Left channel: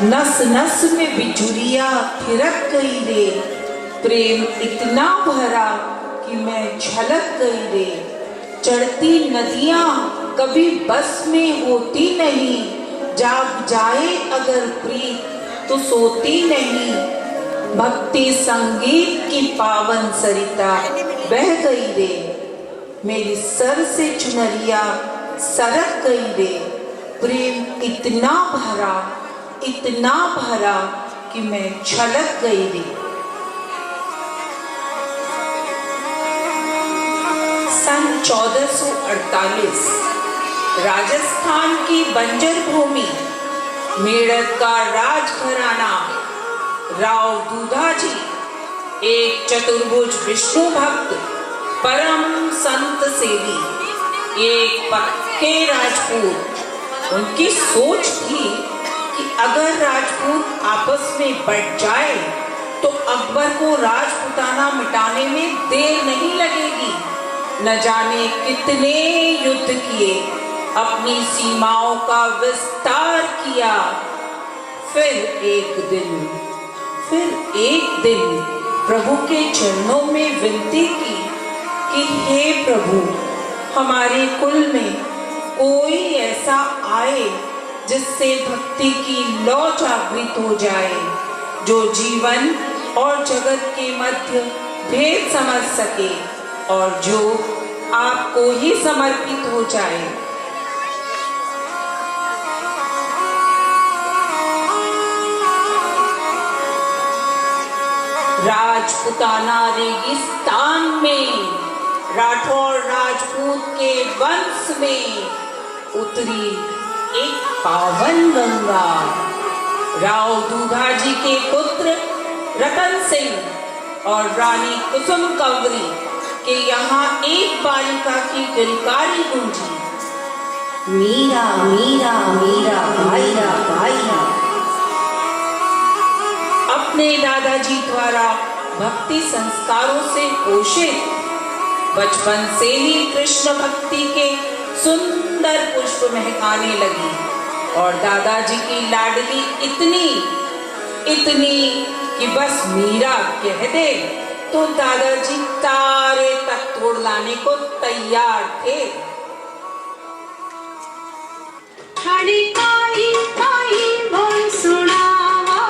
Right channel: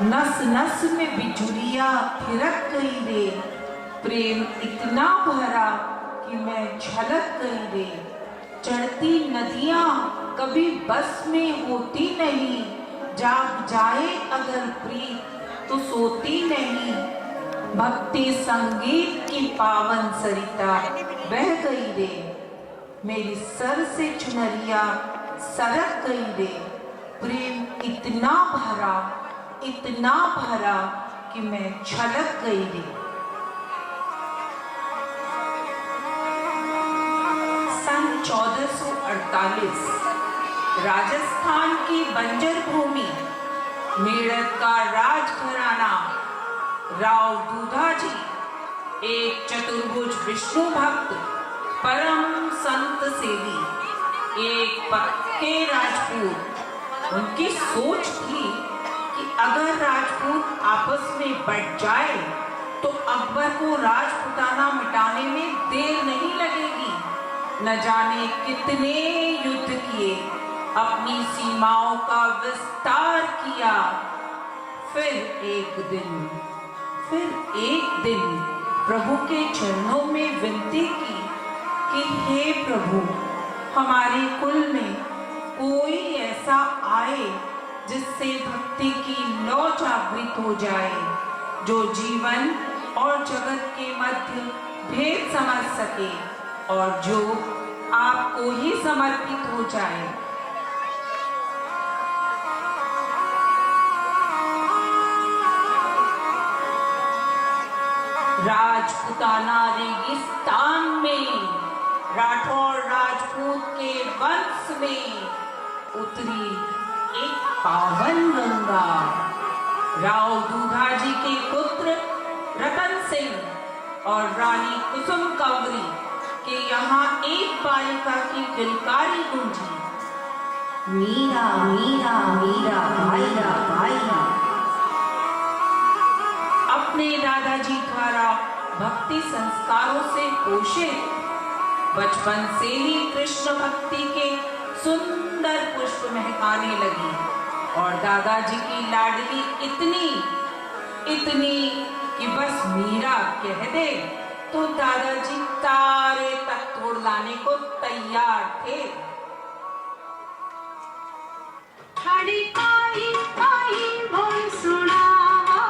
नस नस में बिजुरिया थिरक गई रे, प्रेम इतना भरा कि मैं झलक गई रे। चढ़ती नदियां कभी बस में होती नहीं, जाग जाए अगर प्रीत तो सोती नहीं। भक्ति संगीत की पावन सरिता बह गई रे, मेरी सर से चुनरिया सरक गई रे। प्रेम इतना भरा कि मैं छलक गई रे। सन 1448 राजस्थान की बंजर भूमि, मेरठ का राजघराना, राव दूधाजी एक चतुर्भुज विष्णु भक्त, परम संत सेवी, एक पक्के राजपूत। उनकी सोच थी कि अगर राजपूत आपस में बढ़ जाए तो अकबर को राजपुताना मिटाने में देर नहीं लगेगी। न जाने कितने युद्ध किए, अपनी सीमाओं का विस्तार किया। फिर एक दिन प्रभु के चरणों में विनती की कि हे प्रभु, हमारे कुल में कोई ऐसा आए जिससे भक्ति की लौ जागृत हो जाए, जो जीवन और जगत के मध्य भेद समझ सके और जो आपको ही समर्पित हो जाए। राजपुताना रेगिस्तान में राठौर राजपूत के वंश में उतरी एक पावन गंगा। राव दूधाजी के पुत्र रतन सिंह और रानी कुसुम कंवरी के यहाँ एक बालिका की किलकारी गूंजी, मीरा मीरा मीरा भाईरा भाईरा। अपने दादाजी द्वारा भक्ति संस्कारों से पोषित बचपन से ही कृष्ण भक्ति के सुंदर पुष्प महकाने लगी और दादाजी की लाडली इतनी कि बस मीरा कह दे तो दादाजी तारे तक तोड़ लाने को तैयार थे। खड़ी काई काई बोल सुनावा,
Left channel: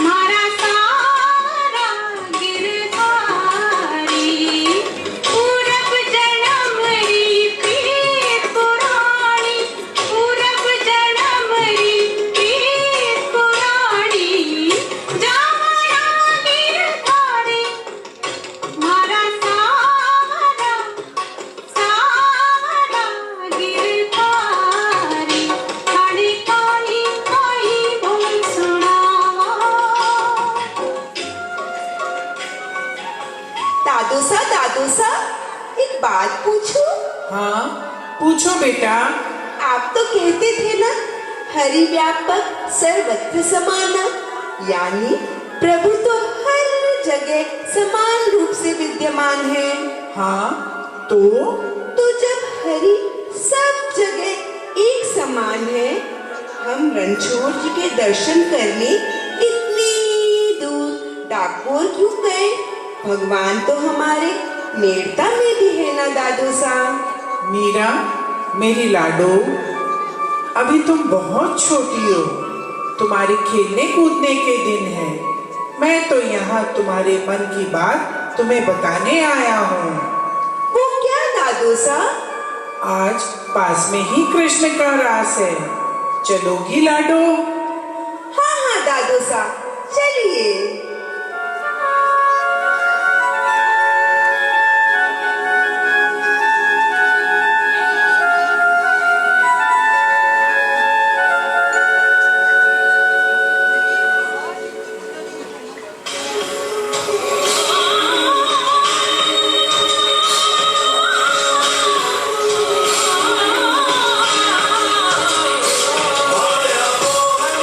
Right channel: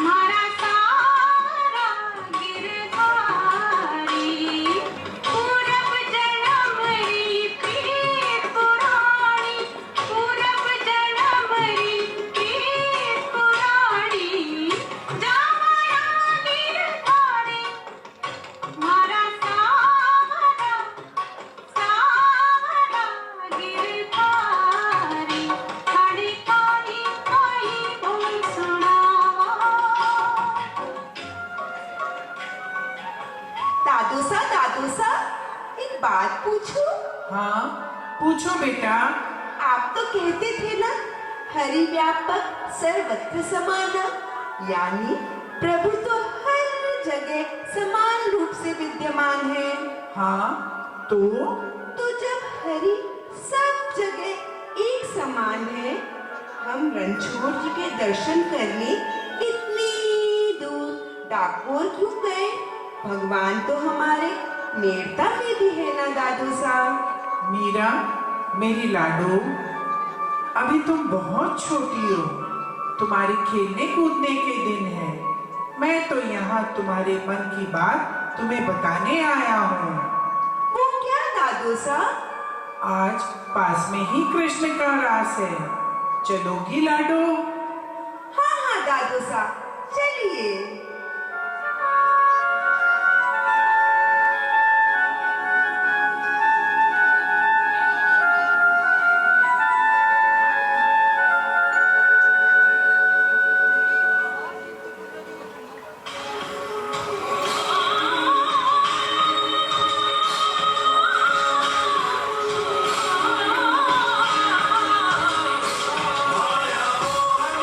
मारा सारा गिरधारी। पूरब जन्म री प्रीत पुराणी, पूरब जन्म री प्रीत पुराणी। जावरा गिरधारी, मारा सारा गिरधारी। खड़ी काई काई बोल सुनावा। दादूसा एक बात पूछूं? हाँ पूछो बेटा। आप तो कहते थे ना, हरि व्यापक सर्वत्र समाना, यानी प्रभु तो हर जगह समान रूप से विद्यमान है। हाँ तो जब हरि सब जगह एक समान है, हम रणछोड़ जी के दर्शन करने इतनी दूर डाकोर क्यों गए? भगवान तो हमारे मेड़ता में भी है ना दादू साहब। मीरा मेरी लाडो, अभी तुम बहुत छोटी हो, तुम्हारे खेलने कूदने के दिन है। मैं तो यहाँ तुम्हारे मन की बात तुम्हें बताने आया हूँ। वो क्या दादू साहब? आज पास में ही कृष्ण का रास है, चलोगी लाडो? हाँ दादू साहब, चलिए। माया मोह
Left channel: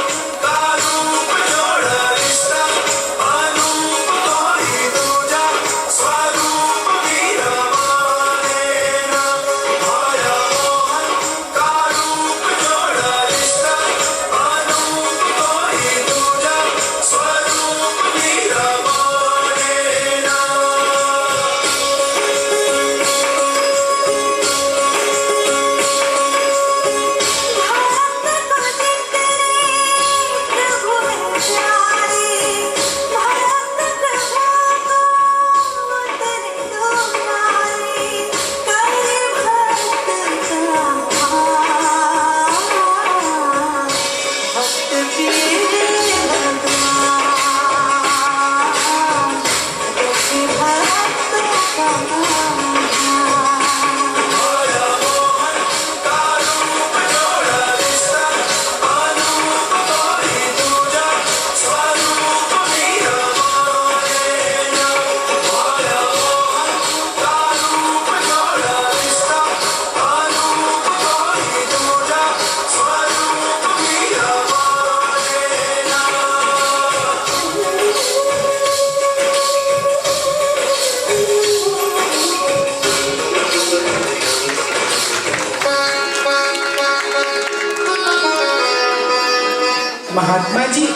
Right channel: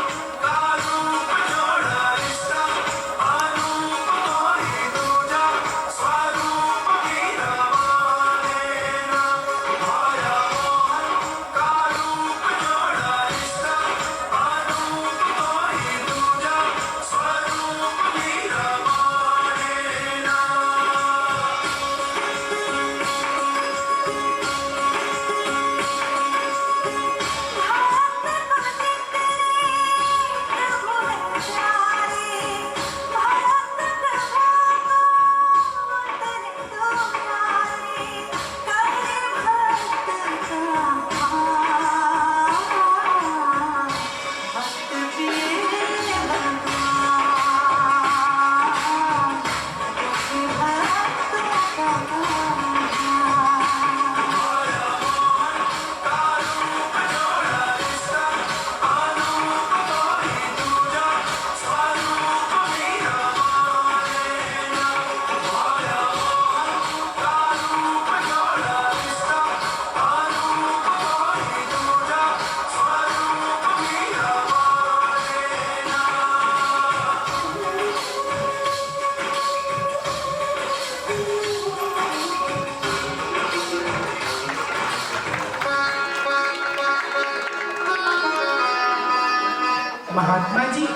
महात्मा जी,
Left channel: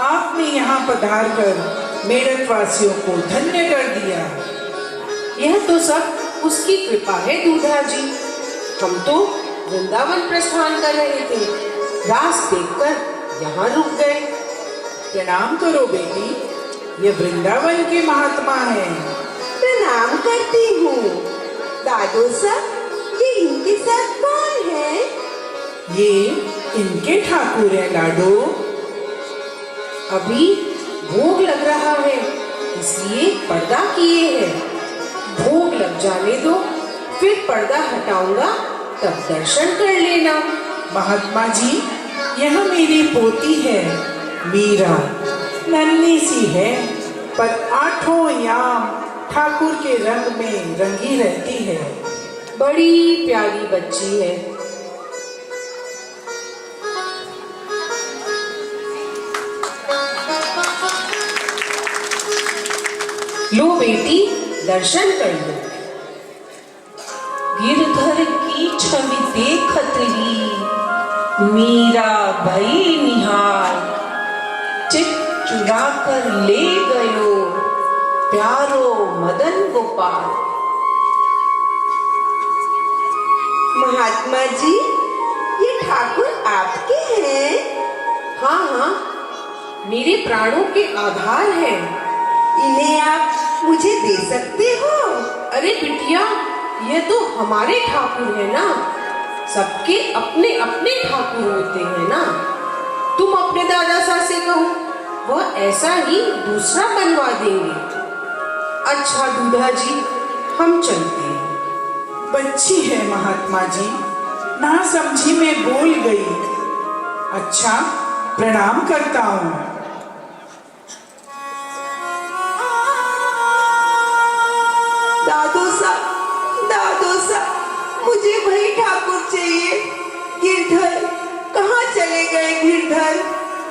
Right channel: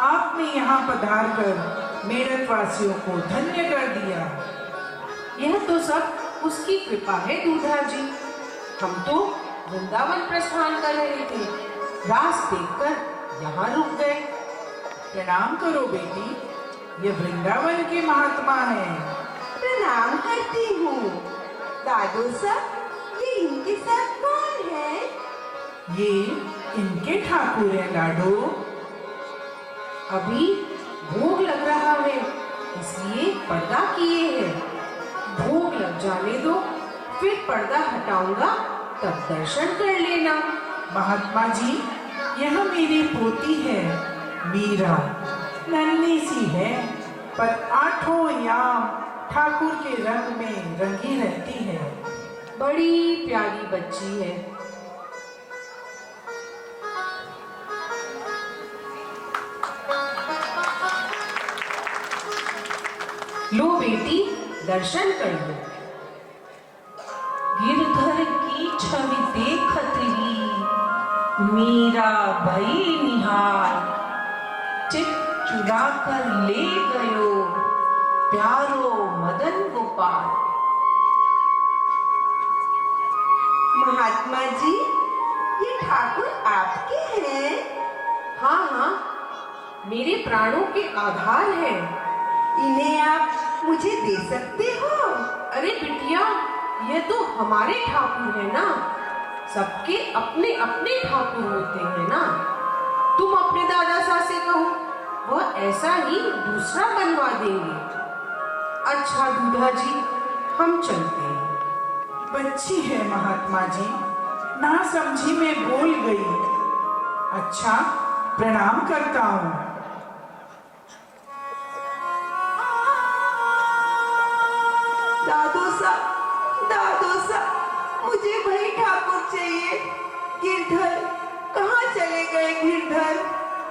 आपने यहाँ पधार कर मेरठ वासियों को धन्य कर दिया। यह तो सब उसकी कृपा है दूधा जी। हम तो वृंदावन प्रस्थान कर रहे थे, रास देखकर यहाँ रुक गए। प्रणाम करो बेटी, ये वृंदावन के महात्मा हैं। प्रणाम करती हूँ। दादू साहब, ये इनके साथ कौन है? ये इनके ठाकुर हैं लाडो। अभी भोग लग रहा है, इसलिए पर्दा किए हैं। भोग लग जाने दो, फिर पर्दा हटाऊंगा, तब दर्शन कर लेना। महात्मा जी, यह मेरी पोती है मीरा। नन्ही सी है, पर आठों याम ठाकुर के रंग में रंगी रहती है। बड़ी प्यारी बच्ची है। लो बेटी, दर्शन कर लो। गिरधर की छवि देखत ही मीरा भई निहार, चित चुरा कर ले गयो प्यारो मदन गोपाल। महात्मा जी, ये ठाकुर आपके हैं? हाँ हाँ, मेरे प्राणों के आधार हैं। इन्हें आप मुझे दे सकते हो? अरे बिटिया, ये तो हमारे ठाकुर है ना। सबके अपने अपने ठाकुर होते हैं ना। तुम अपने दादा साहब से कहो, वह ऐसा ही दूसरा बनवा देंगे। अच्छा दूधा जी, हम चलते हैं। बच्ची है महात्मा जी, ना समझी में बोल गई। अच्छा, प्रणाम करता हूँ। दादू साहब, मुझे वही ठाकुर चाहिए। गिरधर, कहाँ चले गए गिरधर?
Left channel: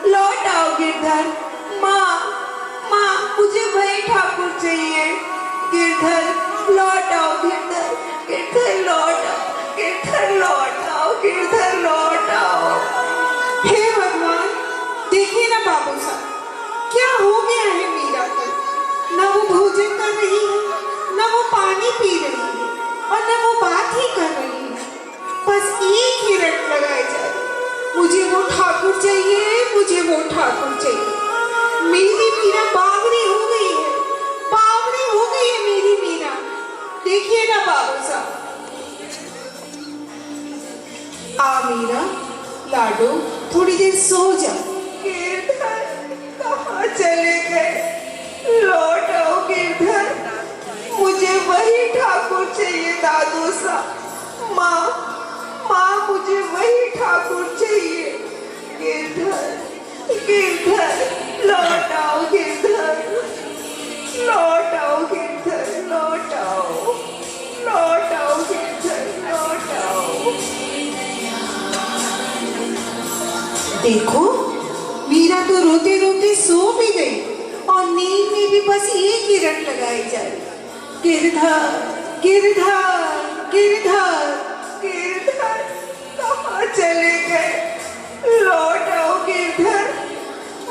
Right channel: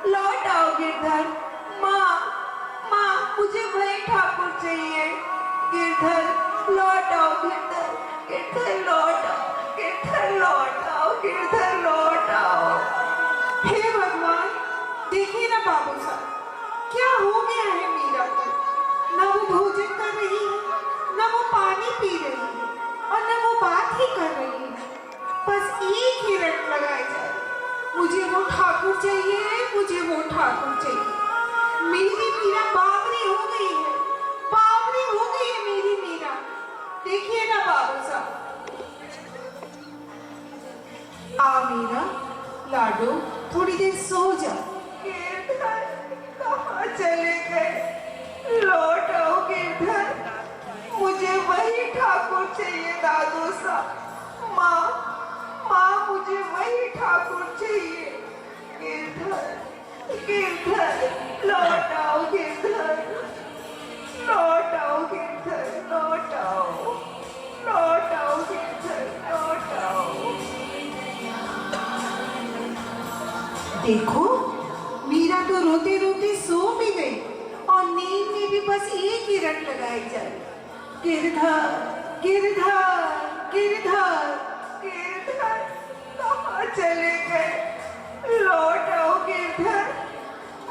लौट आओ गिरधर। माँ, मुझे वही ठाकुर चाहिए। गिरधर, लौट आओ गिरधर। गिरधर, लौट आओ। गिरधर, लौट आओ। गिरधर, लौट आओ। हे भगवान, देखिए ना बाबू साहब, क्या हो गया है मीरा को। न वो भोजन कर रही है, न वो पानी पी रही है, और न वो बात ही कर रही है। बस एक ही रट लगाए जा रही, मुझे वो ठाकुर चाहिए, मुझे वो ठाकुर चाहिए। मेरी मीरा बावरी हो गई है, बावरी हो गई है मेरी मीरा। देखिए ना बाबू साहब। आ मीरा, लाडो, थोड़ी देर सो जा। गिरधर, कहाँ चले गए? लौट आओ गिरधर। मुझे वही ठाकुर चाहिए दादू साहब। माँ, मुझे वही ठाकुर चाहिए। गिरधर, लौट आओ गिरधर। लौट आओ गिरधर, लौट आओ। लौट आओ गिरधर, लौट आओ। देखो, मीरा तो रोते रोते सो भी गई, और नींद में भी बस एक ही रट लगाई जा रही। गिरधर, गिरधर, गिरधर। गिरधर, कहाँ चले गए? लौट आओ गिरधर।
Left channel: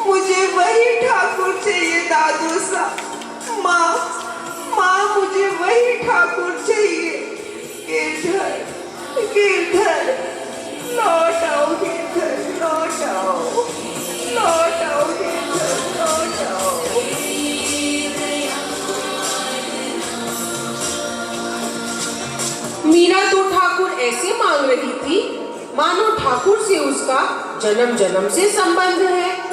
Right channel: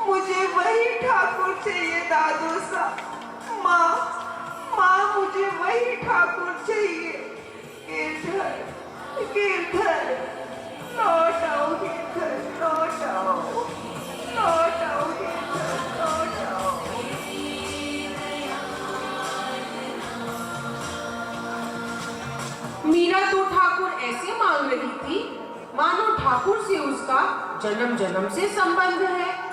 मुझे वही ठाकुर चाहिए दादू साहब। माँ, मुझे वही ठाकुर चाहिए। गिरधर, लौट आओ गिरधर, लौट आओ। लौट आओ गिरधर, लौट आओ। मीरा तो ठाकुर ऐसे मांग रही थी, मानो ठाकुर से उसका जन्म जन्म से संबंध है।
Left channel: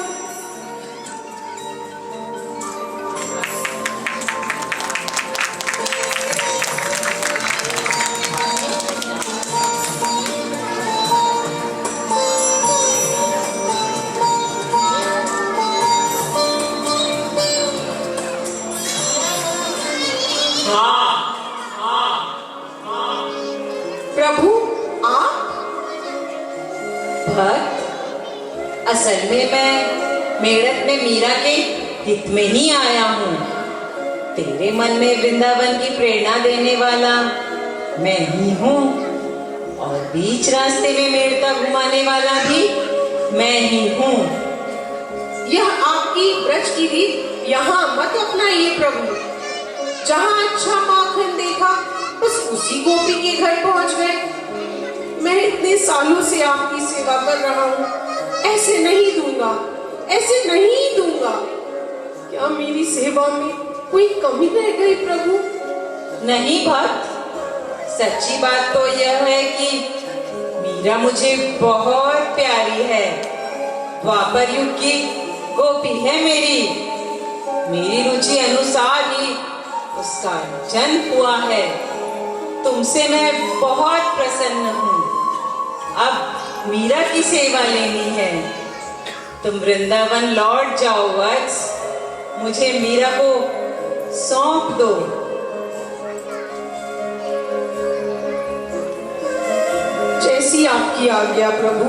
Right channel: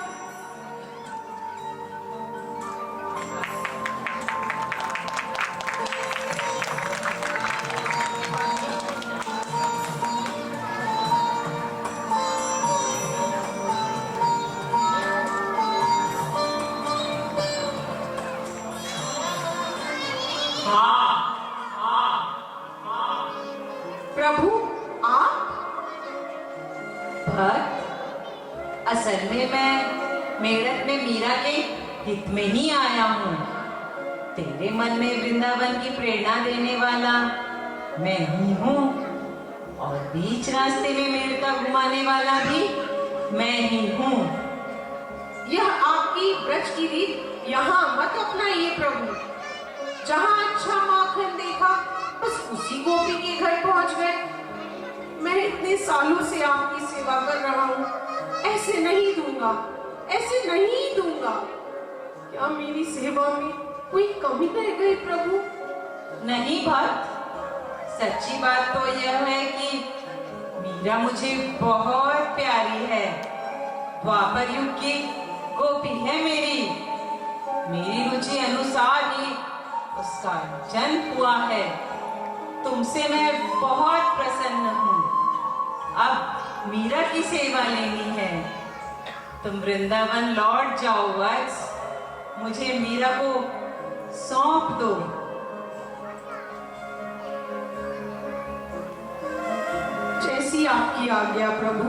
प्रभु, आप? भक्त, असल में मैं मेरठ में मीरा के हित में ही आया हूँ। तेरे मन में वृंदावन की प्रेरणा देने वाला मैं ही हूँ, और बीच रास्ते में मेरठ का घुमाने वाला भी मैं ही हूँ। यह आपकी ब्रज की रीत यहाँ मत अपनाइए प्रभु। जहाँ अच्छा माखन देखा बस उसी गोपी के घर पहुंच गए। मैं इतने सालों से आपकी सेवा कर रहा हूँ, ऐसे नहीं दूंगा, ऐसे नहीं दूंगा। क्या मेरी सेवा में कोई कमी रह गई प्रभु? नहीं भक्त, सच्ची बात तो यह है कि मीरा मुझे बहुत प्यारी है। द्वापर युग की गोपी है मेरी रुचि अनुसार ही उसका जन्म हुआ है। तुमसे मैं बहुत प्रसन्न हूँ। अब मीरा की सेवा लेनी है। तुम वृंदावन लौट जाओ वत्स, मुझे मीरा को सौंप दो। जैसी आपकी आज्ञा प्रभु।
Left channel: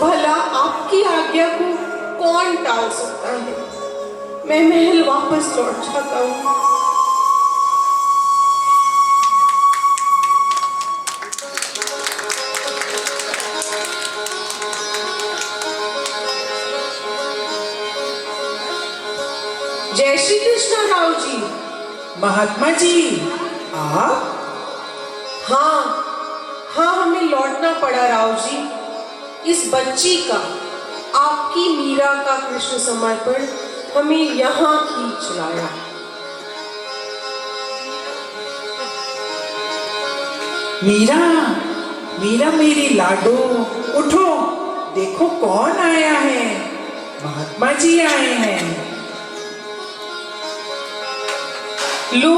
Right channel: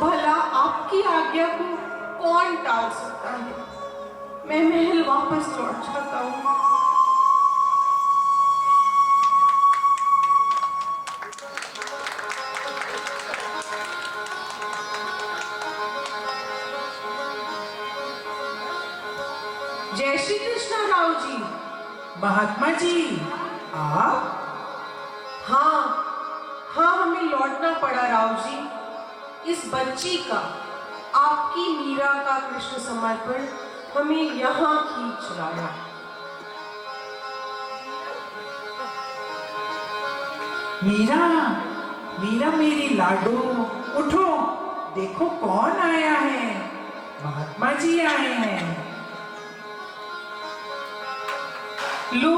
भला आपकी आज्ञा को कौन टाल सकता है? मैं महल वापस लौट जाता हूँ। जय श्री कृष्ण राव जी। महात्मा जी, आप? हाँ, हमें लौटना पड़ा राव जी। इस बच्ची का, आपकी मीरा का कृष्ण समर्पण हमें यहाँ खींच लाया। मीरा मेरी लाडो, उठो, देखो कौन आया है। महात्मा जी आए हैं। लो,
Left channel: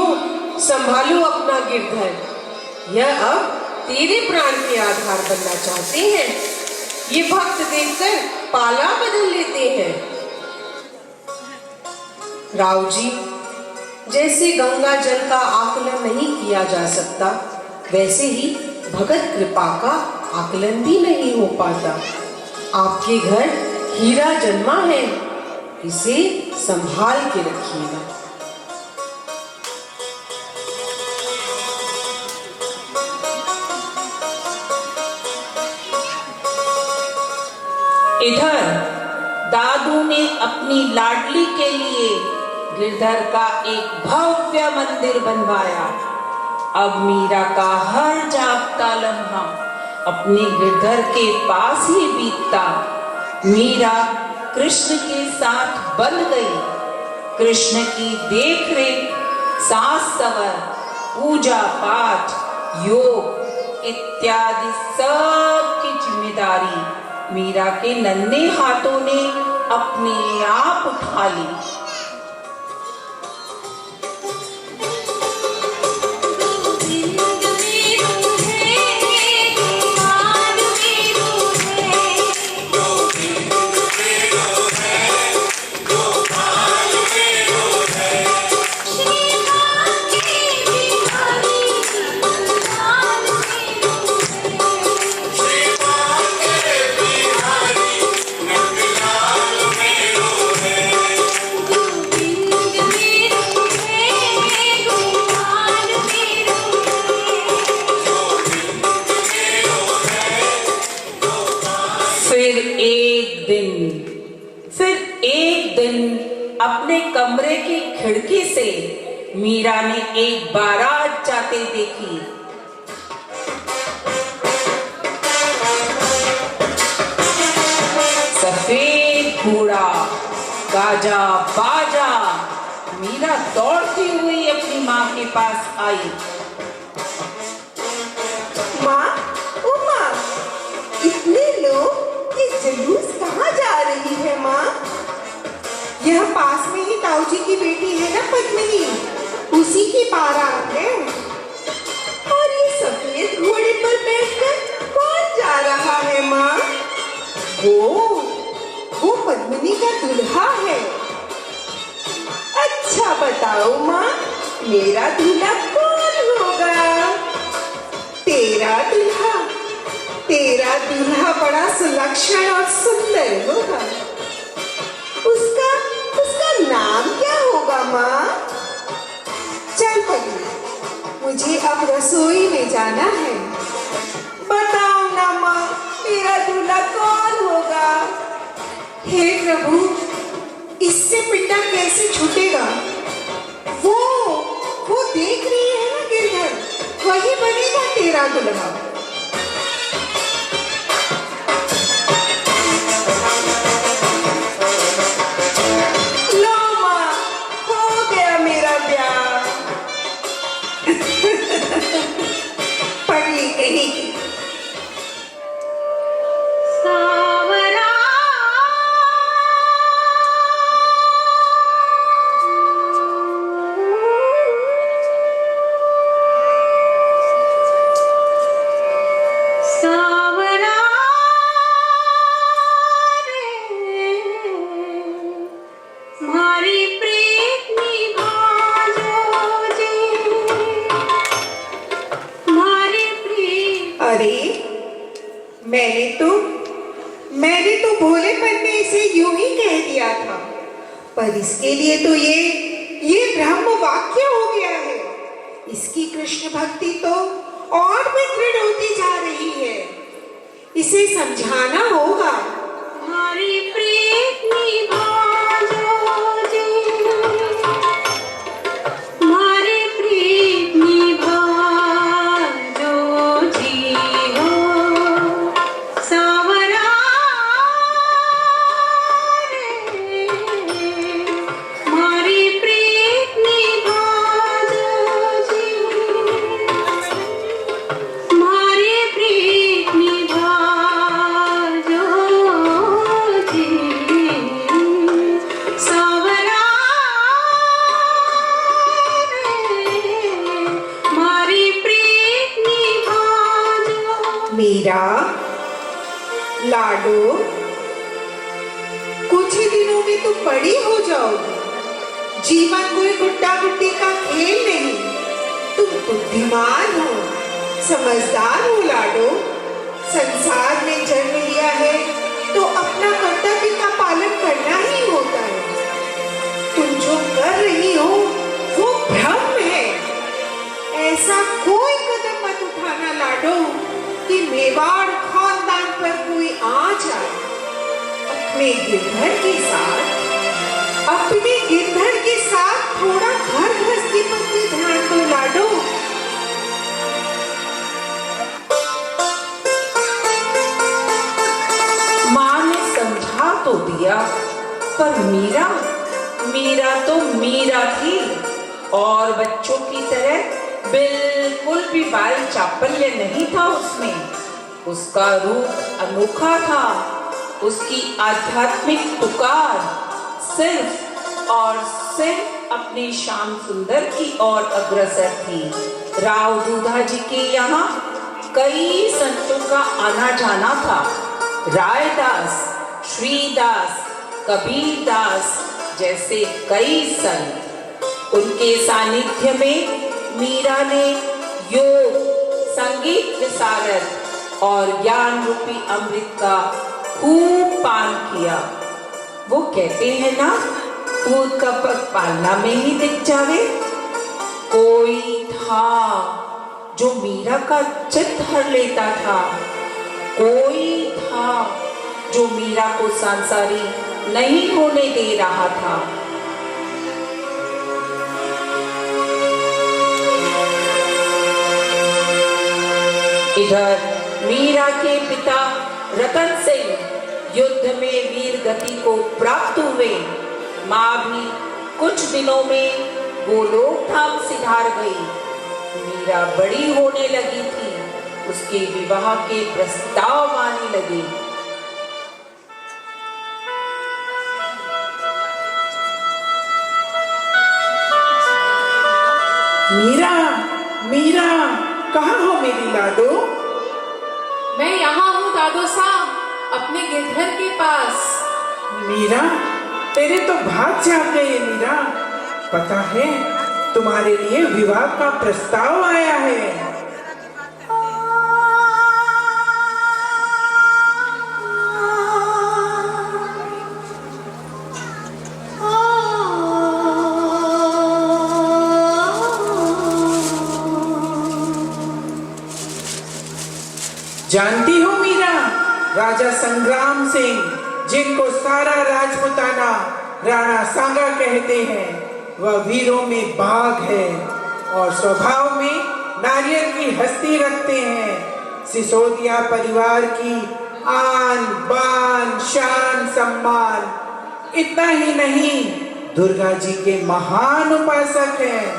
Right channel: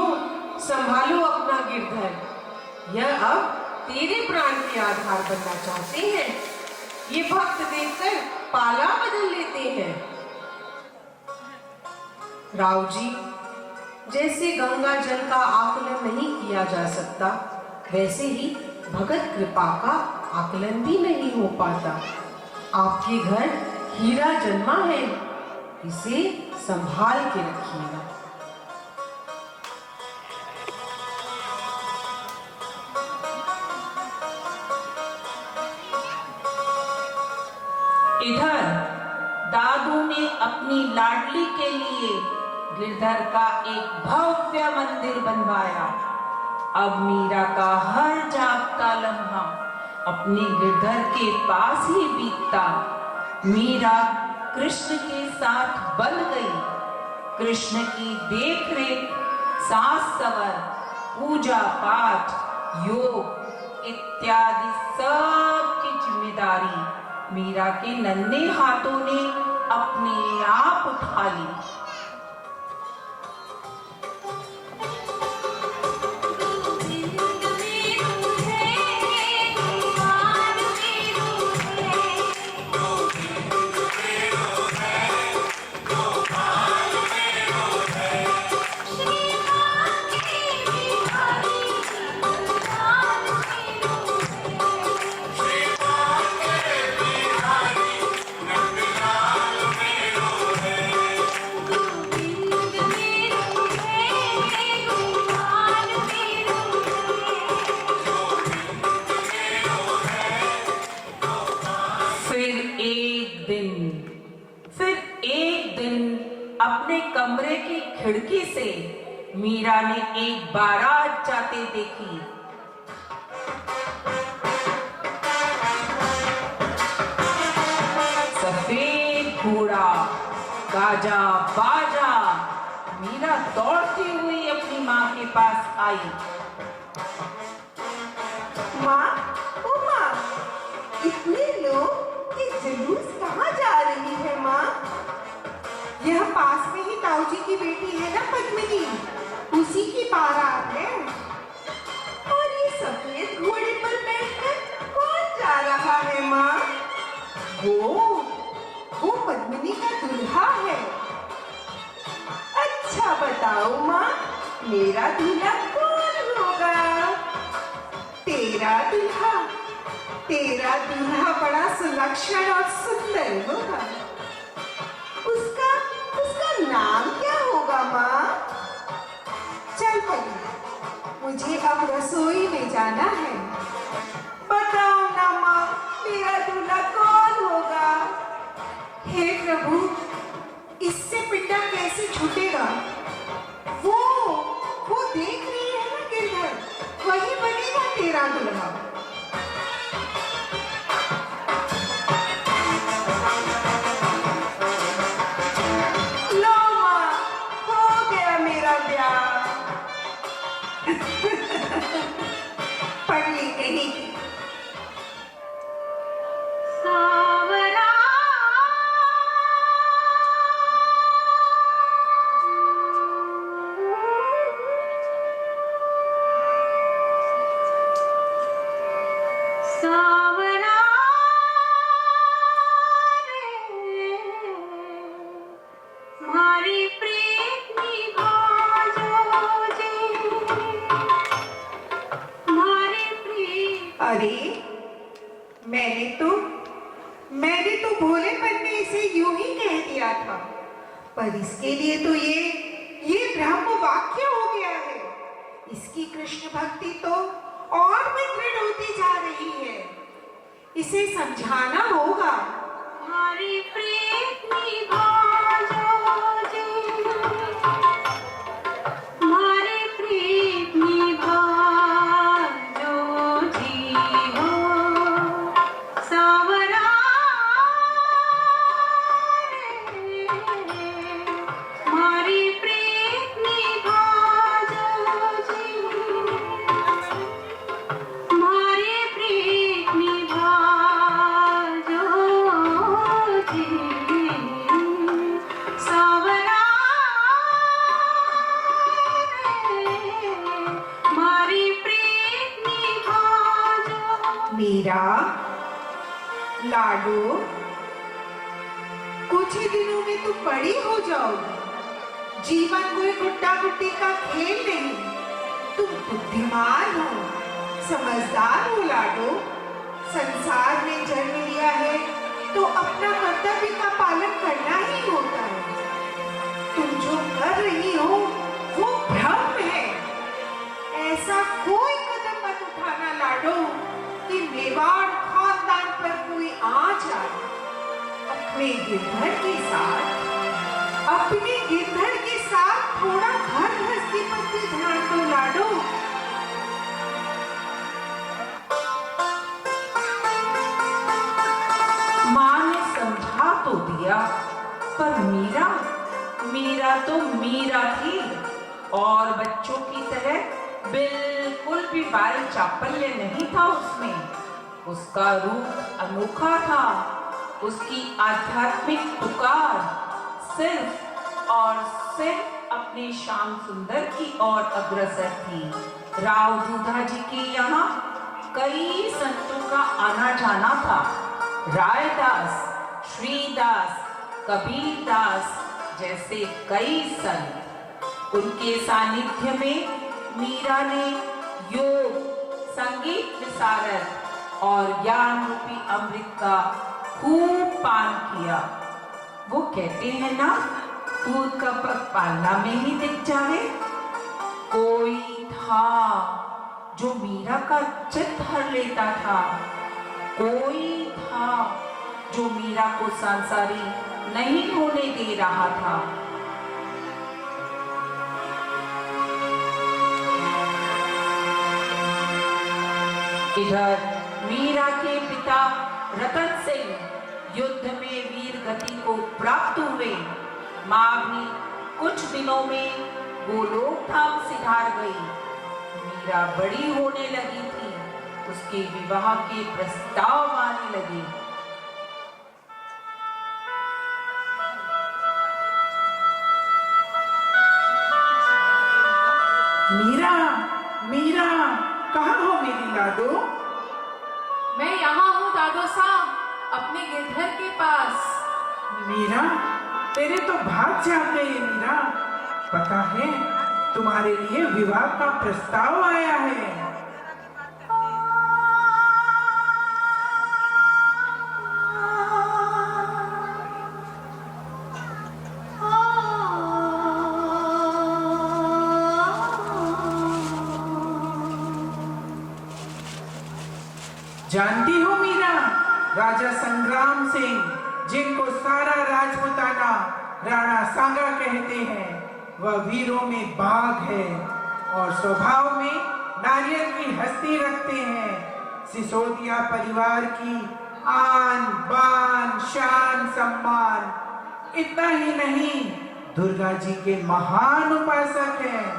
संभालो अपना गिरधर। यह अब तेरे प्राण के आधार बनना चाहते हैं। ये भक्त देखकर पाला बदल लेते हैं। राव जी, जैसे गंगा जल का आकलन नहीं किया जा सकता, वैसे ही भगत कृपा का आकलन भी नहीं हो पाता। आपके घर हीरा जन्मा है, इसे संभाल के रखिएगा। इधर दादू ने अपनी लाडली के लिए गिरधर का एक भव्य मंदिर बनवाया। अब मीरा का हर जागता लम्हा अपने गिरधर के पास ही बीतता। मीरा कृष्ण के साथ बन गई। कृष्ण की देख रेख, सास सवर, पूजा पाठ, योग इत्यादि सब की जिम्मेदारी मीरा के नन्हे हाथों ने अपने आप उठा ली। फिर एक दिन अपने कमरे की खिड़की से मीरा ने एक बारात जाते देखी। सफेद घोड़ा, गाजा बाजा। मीरा दौड़ती हुई अपनी माँ के पास आई। माँ, ओ माँ, इतने लोग, ये जुलूस कहाँ जा रही है माँ? यह पास में ही ताऊ जी की बेटी है ना पद्मिनी, उसी की बारात है। और ये सफेद घोड़े पर बैठकर कौन जा रहा है माँ? वो पद्मिनी का दूल्हा है। अच्छा बताओ माँ, मेरा दूल्हा कौन होगा? तेरा दूल्हा? तेरा दूल्हा बड़ा सुलक्षण और सुंदर होगा। उसका नाम क्या होगा माँ? चल पगली, मुझे अब रसोई में जाना है। बताओ ना माँ, मेरा दूल्हा कौन होगा? हे प्रभु, इससे पिंडा कैसे छूटेगा? वो देख रही है ना गिरधर, वही बनेगा तेरा दुल्हा। लो माँ, हो गया मेरा ब्याह। पगली कहीं की। अरे मैंने तो भोलेपन में इसे यूं ही कह दिया था, पर इसके लिए तो ये ब्रह्म वाक्य हो गया है। इसकी कृष्ण भक्ति तो और भी दृढ़ होती जा रही है। इसे समझाना होगा। हमारी प्रीत निभाओ जी, हमारी प्रीत निभाओ जी हो सावरा रे, हमारी प्रीत निभाओ जी, हमारी प्रीत निभाओ जी सावरा रे, हमारी प्रीत निभाओ। मीरा, लाडो, कुछ ही दिनों में तुम बड़ी हो जाओगी। जीवन कोई गुड्डा गुड्डी का खेल नहीं। तुम बुद्धिमान हो, समझदार हो लाडो। संसार में जन्म लिया है तो अपना कर्तव्य का पालन करना ही होता है। तुम जो कर रही हो वो भ्रम है। ऐसा कोई कदम मत उठाना लाडो कि मेवाड़ खानदान पर कोई आ जाए। अपने गिरधर के साथ थोड़ा घर गृहस्थी पर भी ध्यान दो लाडो। माँ ने समझा तो दिया, पर मीरा तो मीरा थी और बच्चों की तरह बिल्कुल भी बाल चापल्य नहीं था उसमें। उसका रूप अनोखा था। उसकी आध्यात्मिक पुकार सिर्फ और सिर्फ अपने श्याम सुंदर की ओर अग्रसर थी। राव दूधा जी के यहाँ कई संतों का आना जाना था। रायदास, श्रीदास, कबीरदास जैसे कई संत। उनके सानिध्य में मीरा ने योग, संगीत विशारद और ज्ञान रूपी अमृत का खूब पान किया। वो कहते हैं ना, दूध का पग पालना में ही दिख जावे। कोई था जो मीरा का चित्त हर लेता था। कोई था जो मीरा को सांसारी नहीं होने दे रहा था। इधर मीरा के पिता रतन सिंह युद्ध में वीर गति को प्राप्त हुए। माँ भी कुछ दिनों में गोलोक धाम सिधार गई। मीरा बड़ी होने लगी थी। उसके विवाह के प्रस्ताव आने लगे। मीरा, कहाँ हो मेरी लाडो? मैं यहाँ हूँ दादो साहब, अपने गिरधर के पास। मीरा, तेरे तो भाग जाग गए मीरा। पता है, तुम्हारे लिए विवाह का प्रस्ताव आया है। जानती हो मीरा, राजा संग्राम सिंह जिनको सारा राजपुताना राणा सांगा कहते हैं, वह वीरों में बाघ है और स्वभाव में नारियल की हस्ती रखते हैं। सिसोदिया परिवार की आन बान शान सम्मान, इतना ही नहीं, दुर्गा जी के महान उपासक हैं।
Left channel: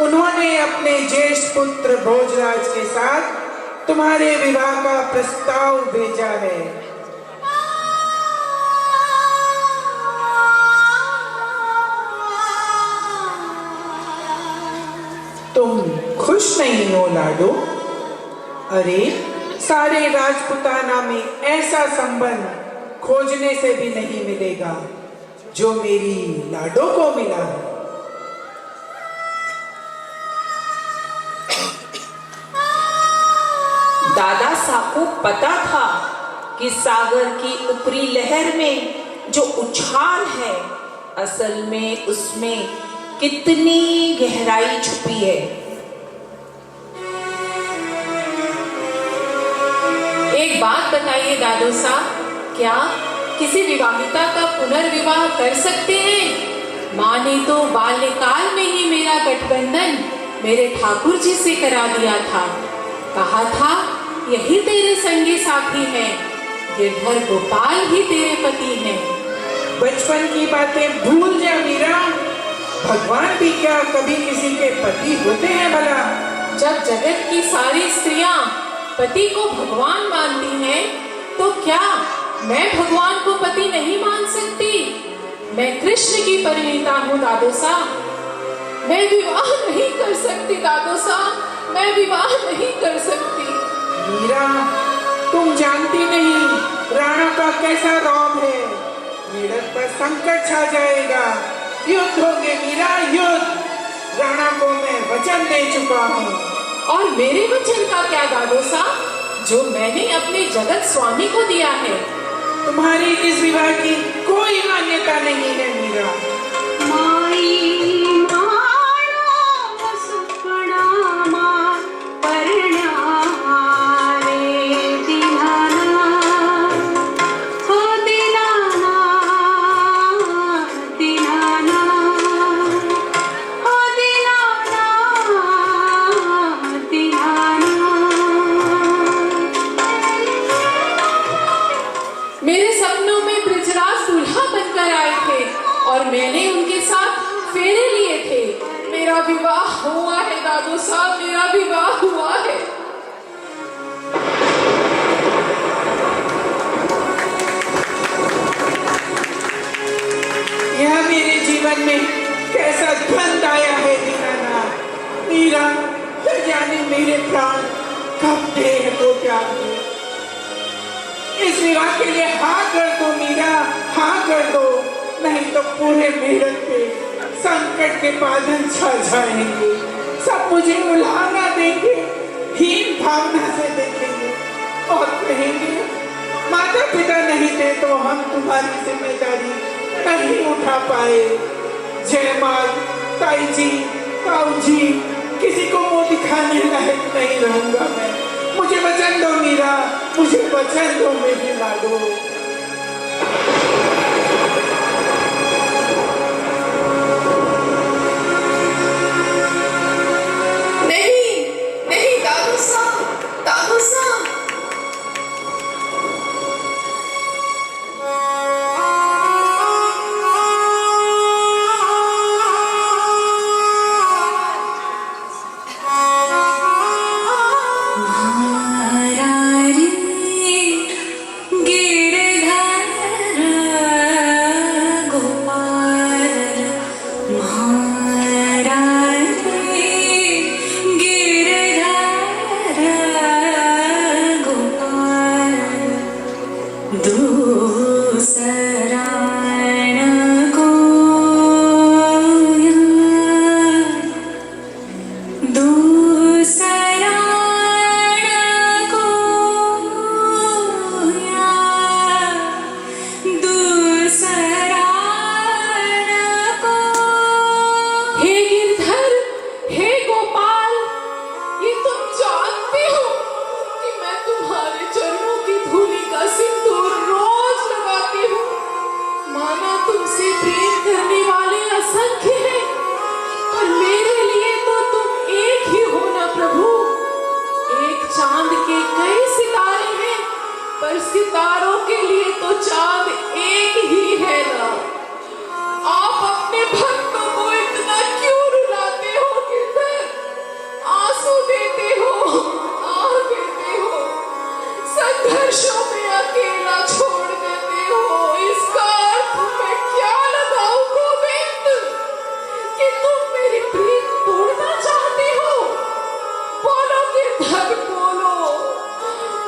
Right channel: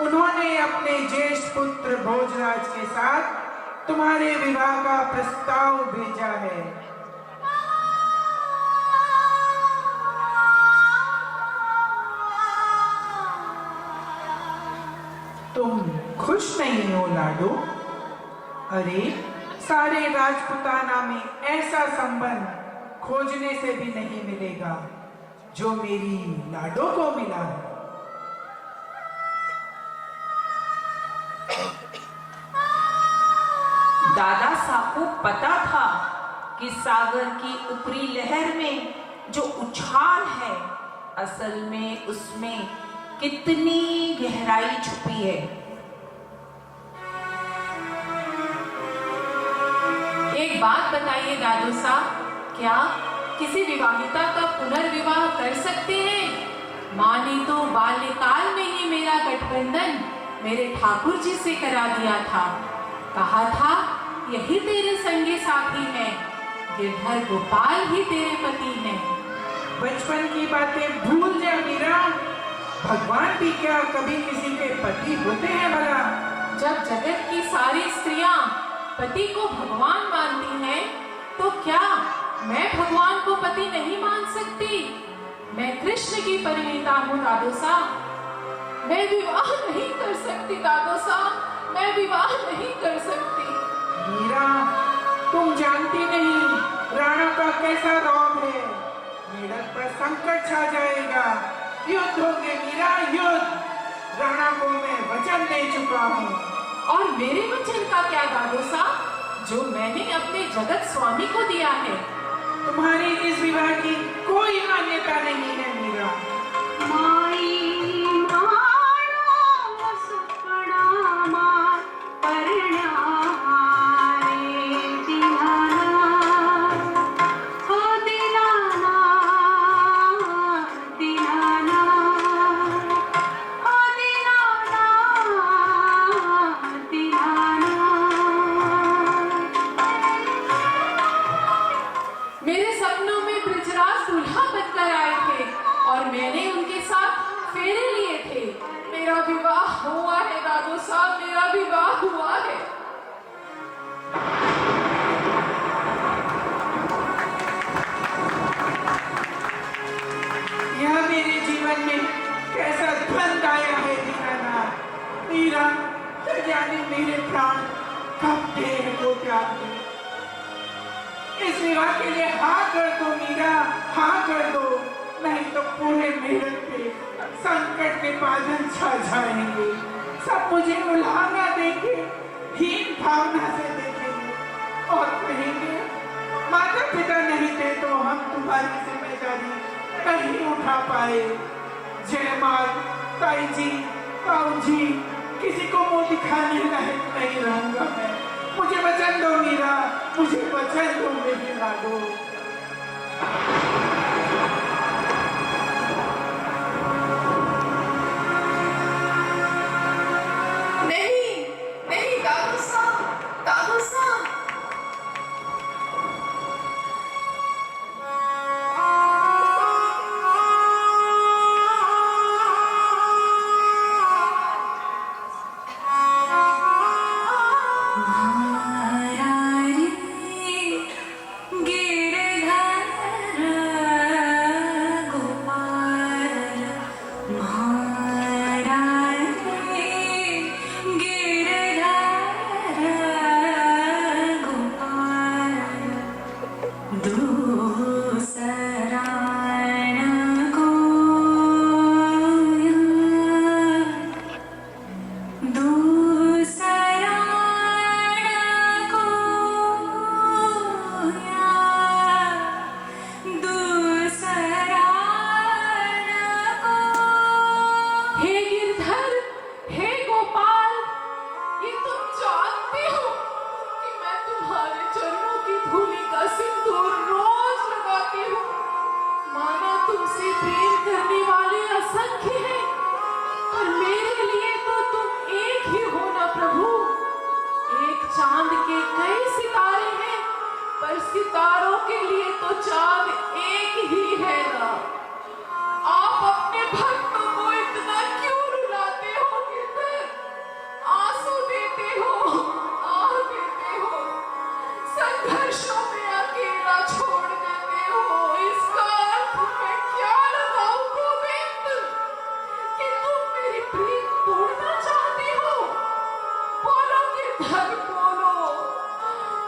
उन्होंने अपने ज्येष्ठ पुत्र भोजराज के साथ तुम्हारे विवाह का प्रस्ताव भेजा है। तुम खुश नहीं हो लाडो? अरे सारे राजपुताना में ऐसा संबंध खोजने से भी नहीं मिलेगा जो मेरी लाडो को मिला है। दादा साहब को पता था कि सागर की ऊपरी लहर में जो उछाल है, असल में उसमें कितनी गहराई छुपी है। एक बात बताइए दादो साहब, क्या किसी विवाहिता का पुनर्विवाह कर सकते हैं? माँ ने तो बाल्यकाल में ही मेरा गठबंधन मेरे ठाकुर जी से करा दिया था। कहा था यही तेरे संगी साथी हैं, गिरधर गोपाल ही तेरे पति हैं। बचपन की बातें भूल जा मीरा। भगवान भी क्या कभी किसी के पति होते हैं भला? जब जगत की सारी स्त्रियां पति को भगवान मानती हैं, तो क्या मैं भगवान को पति नहीं मान सकती? मैं कृष्ण की परिणीता हूँ दादो साहब। मैं विवाह नहीं कर सकती दादो साहब, मैं विवाह नहीं कर सकती। मीरा, तुम जानती नहीं राणा का कैसा रौब है। मेरठ पर संकट छा जाएगा, युद्ध होंगे मीरा, युद्ध। राणा को मैं वचन दे चुका हूँ। और मेरे वचन का क्या दादो साहब, जो मैंने अपने जगत स्वामी को दिया है? तुम्हारी इस विवाह की कोई मान्यता नहीं है मीरा। माई मानो सुखड़ा मां परण्यारे दिनाना हो दिनाना दिनाना हो दिनाना दिनाना। मेरे सपनों में ब्रजराज दूल्हा बनकर आए थे और मैंने उनके साथ फेरे लिए थे। मेरा विवाह हुआ है दादू साहब, मेरा विवाह हुआ है। यह मेरे जीवन में कैसा द्वंद आया है दीनानाथ। मीरा, न जाने मेरे प्राण कब देह को त्याग दे। इस विवाह के लिए हाँ कर दो मीरा, हाँ कर दो, नहीं तो पूरे मेरठ पे संकट के बादल छा जाएंगे। सब मुझे उलाहना देंगे, हीन भावना से देखेंगे और कहेंगे माता पिता नहीं थे तो हम तुम्हारी जिम्मेदारी नहीं उठा पाए। जयमाल, ताई जी, ताऊ जी, किसी को मुंह दिखाने लायक नहीं रहूंगा मैं। मुझे वचन दो मीरा, मुझे वचन दो मेरी लाडो। नहीं नहीं दादू साहब, दादू साहब। गिरधर नशों में अकेला छोड़ देते हो, इसका अर्थ मैं क्या लगाऊं गोविंद? कि तुम मेरी प्रीत तोड़ना चाहते हो? बोलो गिरधर बोलो,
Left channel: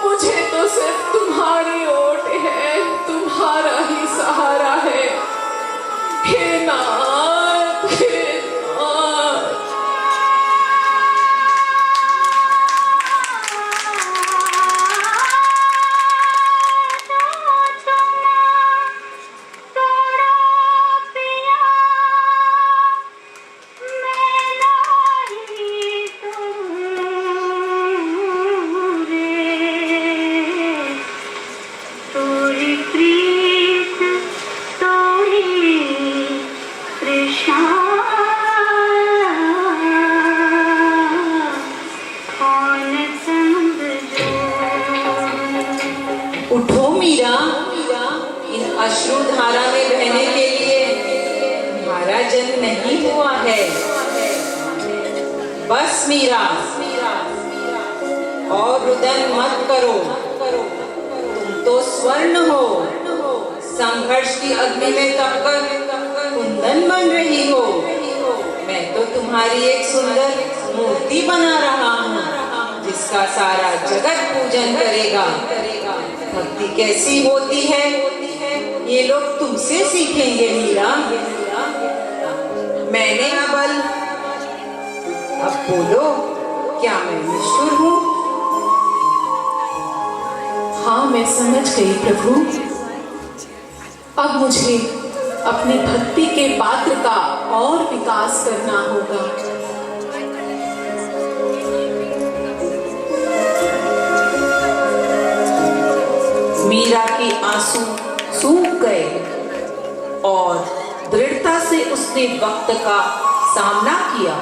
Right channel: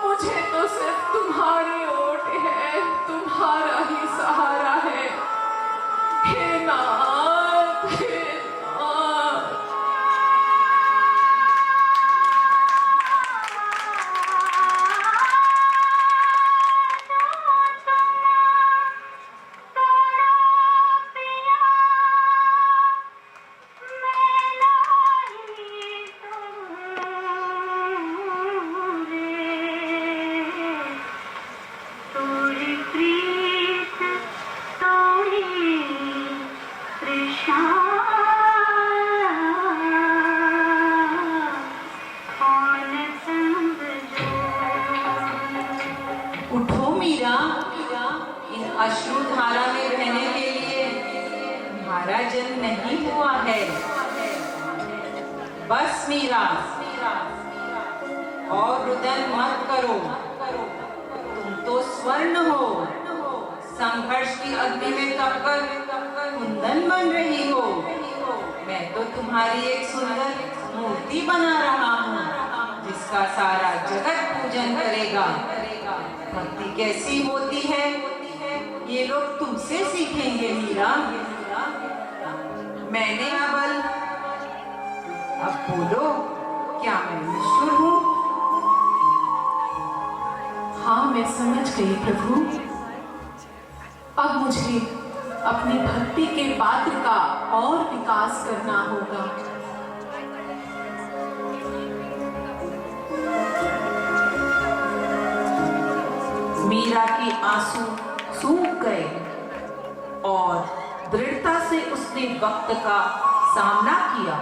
मुझे तो सिर्फ तुम्हारी ओट है, तुम्हारा ही सहारा है। हे नाथ, हे नाथ। उठो मीरा, इन अश्रुधारा में बहने के लिए तुम्हारा जन्म नहीं हुआ है। बस मीरा, और रुदन मत करो, तुम तो स्वर्ण हो, संघर्ष की अग्नि में तपकर कुंदन बन रही हो। मैं तो तुम्हारी एक सुंदर मूर्ति बना रहा हूँ, जिसका सारा जगत पूजन करेगा। भक्ति कैसी होती है ये लोग तुमसे सीखेंगे मीरा। मैंने बल, अब बोलो, क्या मैं निष्ठुर हूँ? हाँ, मैं समझ गई प्रभु। अब मुझे अपनी भक्ति के पात्र का और विकास करना होगा। मीरा के आंसू सूख गए और दृढ़ता से उसने वक्त का सामना किया।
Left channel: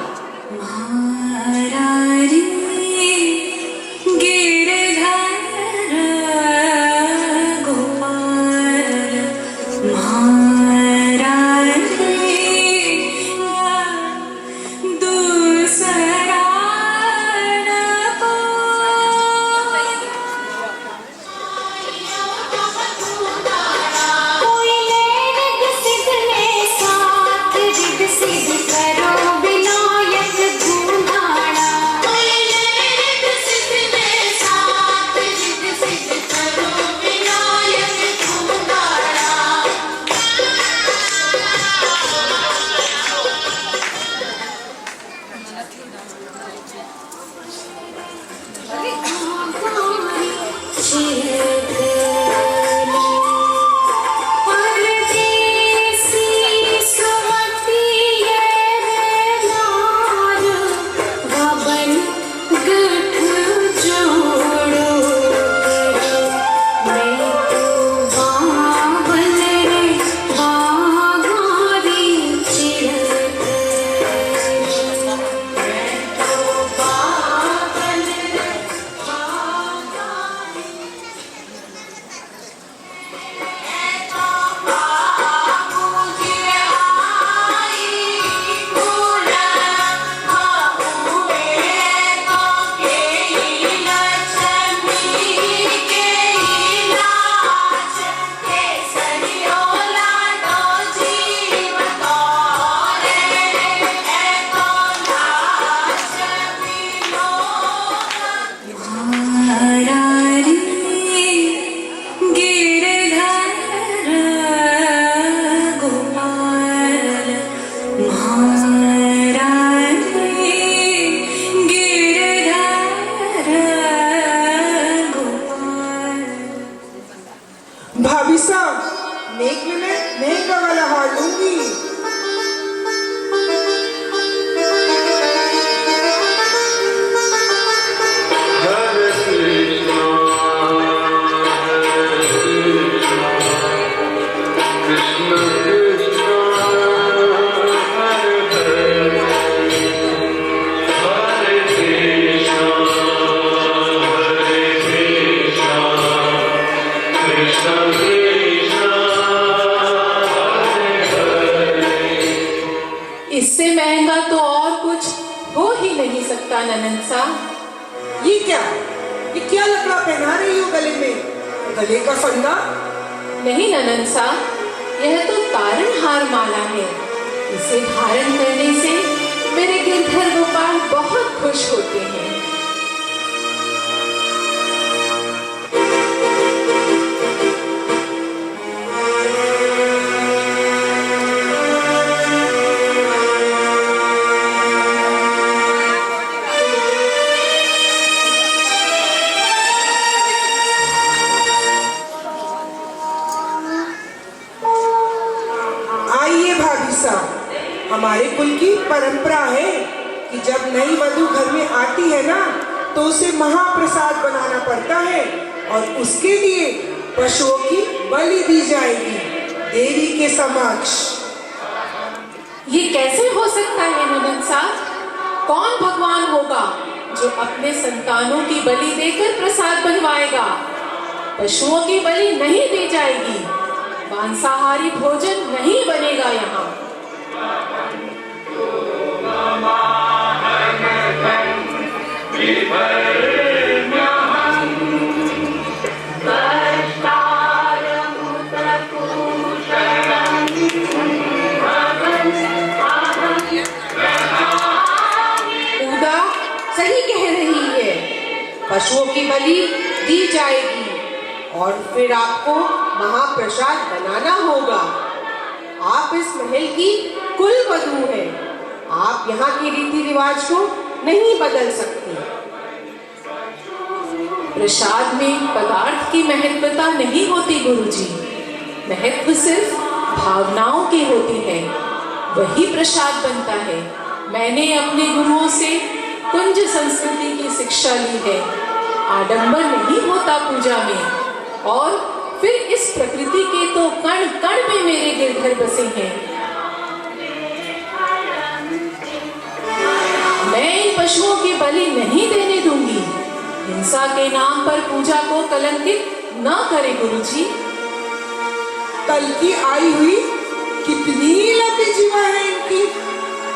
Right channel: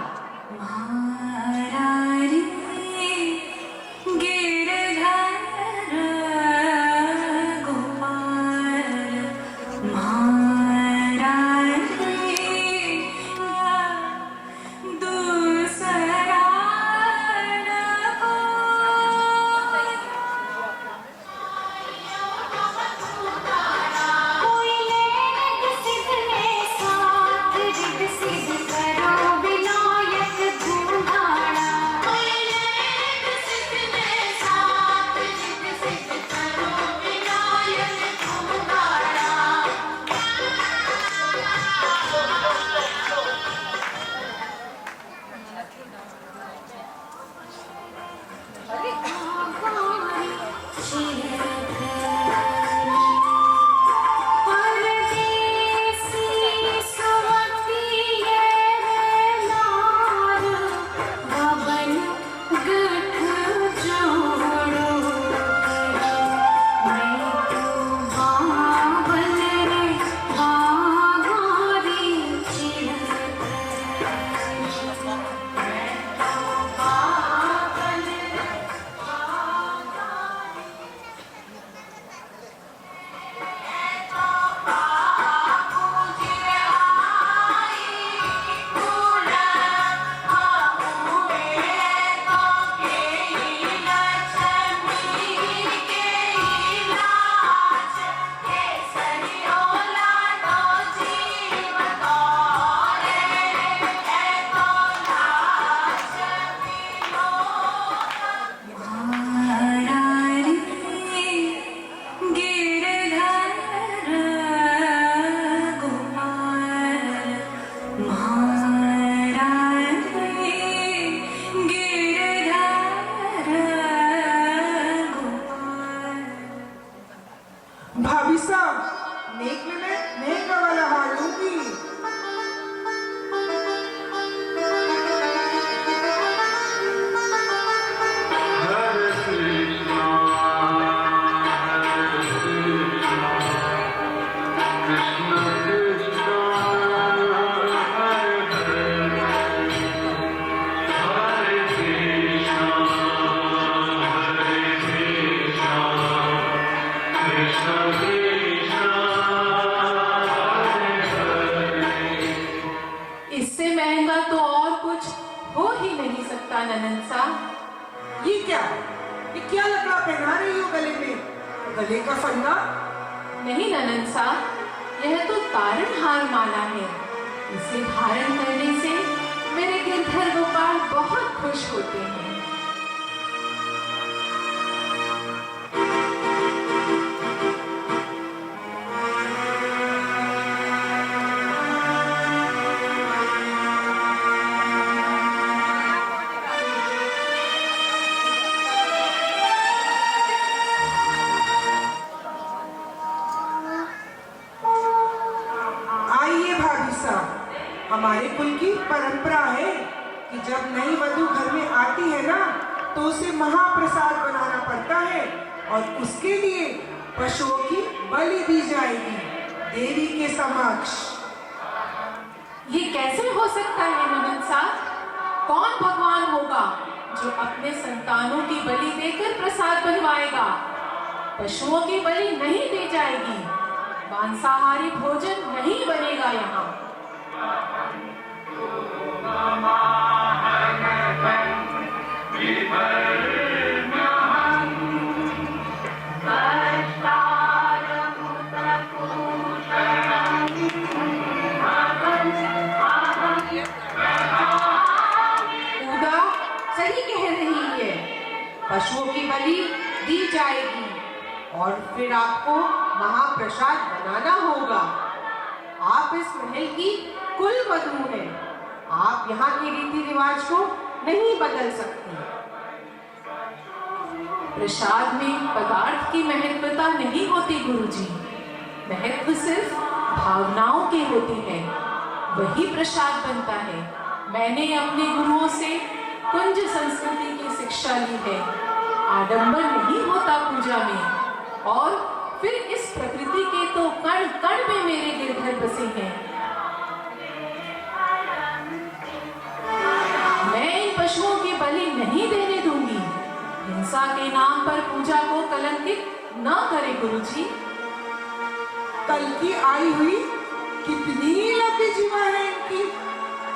भाभी साहब, नेक में मैं नेक का वाला हार लूंगी। इससे महंगा तो और कुछ हो ही नहीं सकता ननंद साहब। ये क्या लकड़ा पहना रही हो गले में? गले का फंदा? नहीं ननन सा, यह तो तारणहार माला है। इसे धारण करने से मेरे गिरधर गोपाल बहुत खुश होते हैं। आइए भाभी साहब, हमारे कुल की परंपरा है कि जब नई वधू घर में आती है ना, तो उसे महाप्रसाद बनाना पड़ता है और उसके लिए पशुओं की बलि दी जाएगी देवी के समक्ष। ये कैसे हो सकता है ननन सा? कौन भगवान होगा जो अपने संतानों की बलि देकर प्रसाद बनवाएगा? पशुओं की बलि नहीं दी जाएगी। मांसाहारी भोजन नहीं बनेगा यहाँ। उदा सही कह रही है। पशुओं की बलि दी जाएगी और फिर आपको महाप्रसाद बनाना होगा। आप इस महल की कुल वधू हैं। आप यहाँ के रीति रिवाज को नहीं बदल सकती। प्रसाद में पदार्थ की महत्वता नहीं होती गुरुजी। महत्व सिर्फ भावनाओं की होती है, वही प्रसाद बनता है। मैंने अपने गुरुओं से कुंज संस्कृति की शिक्षा ली है। आडंबर नहीं होता पूजा में। और फिर इस प्रकृति के तो कण कण में मेरे गिरधर बसे हैं। मैं इन पशुओं की बलि नहीं देने दूंगी। हिंसा के नाम पर पूजा को कलंकित न करे गुरुजी। कल की आई हुई कितनी लंबी जीवा है इनकी।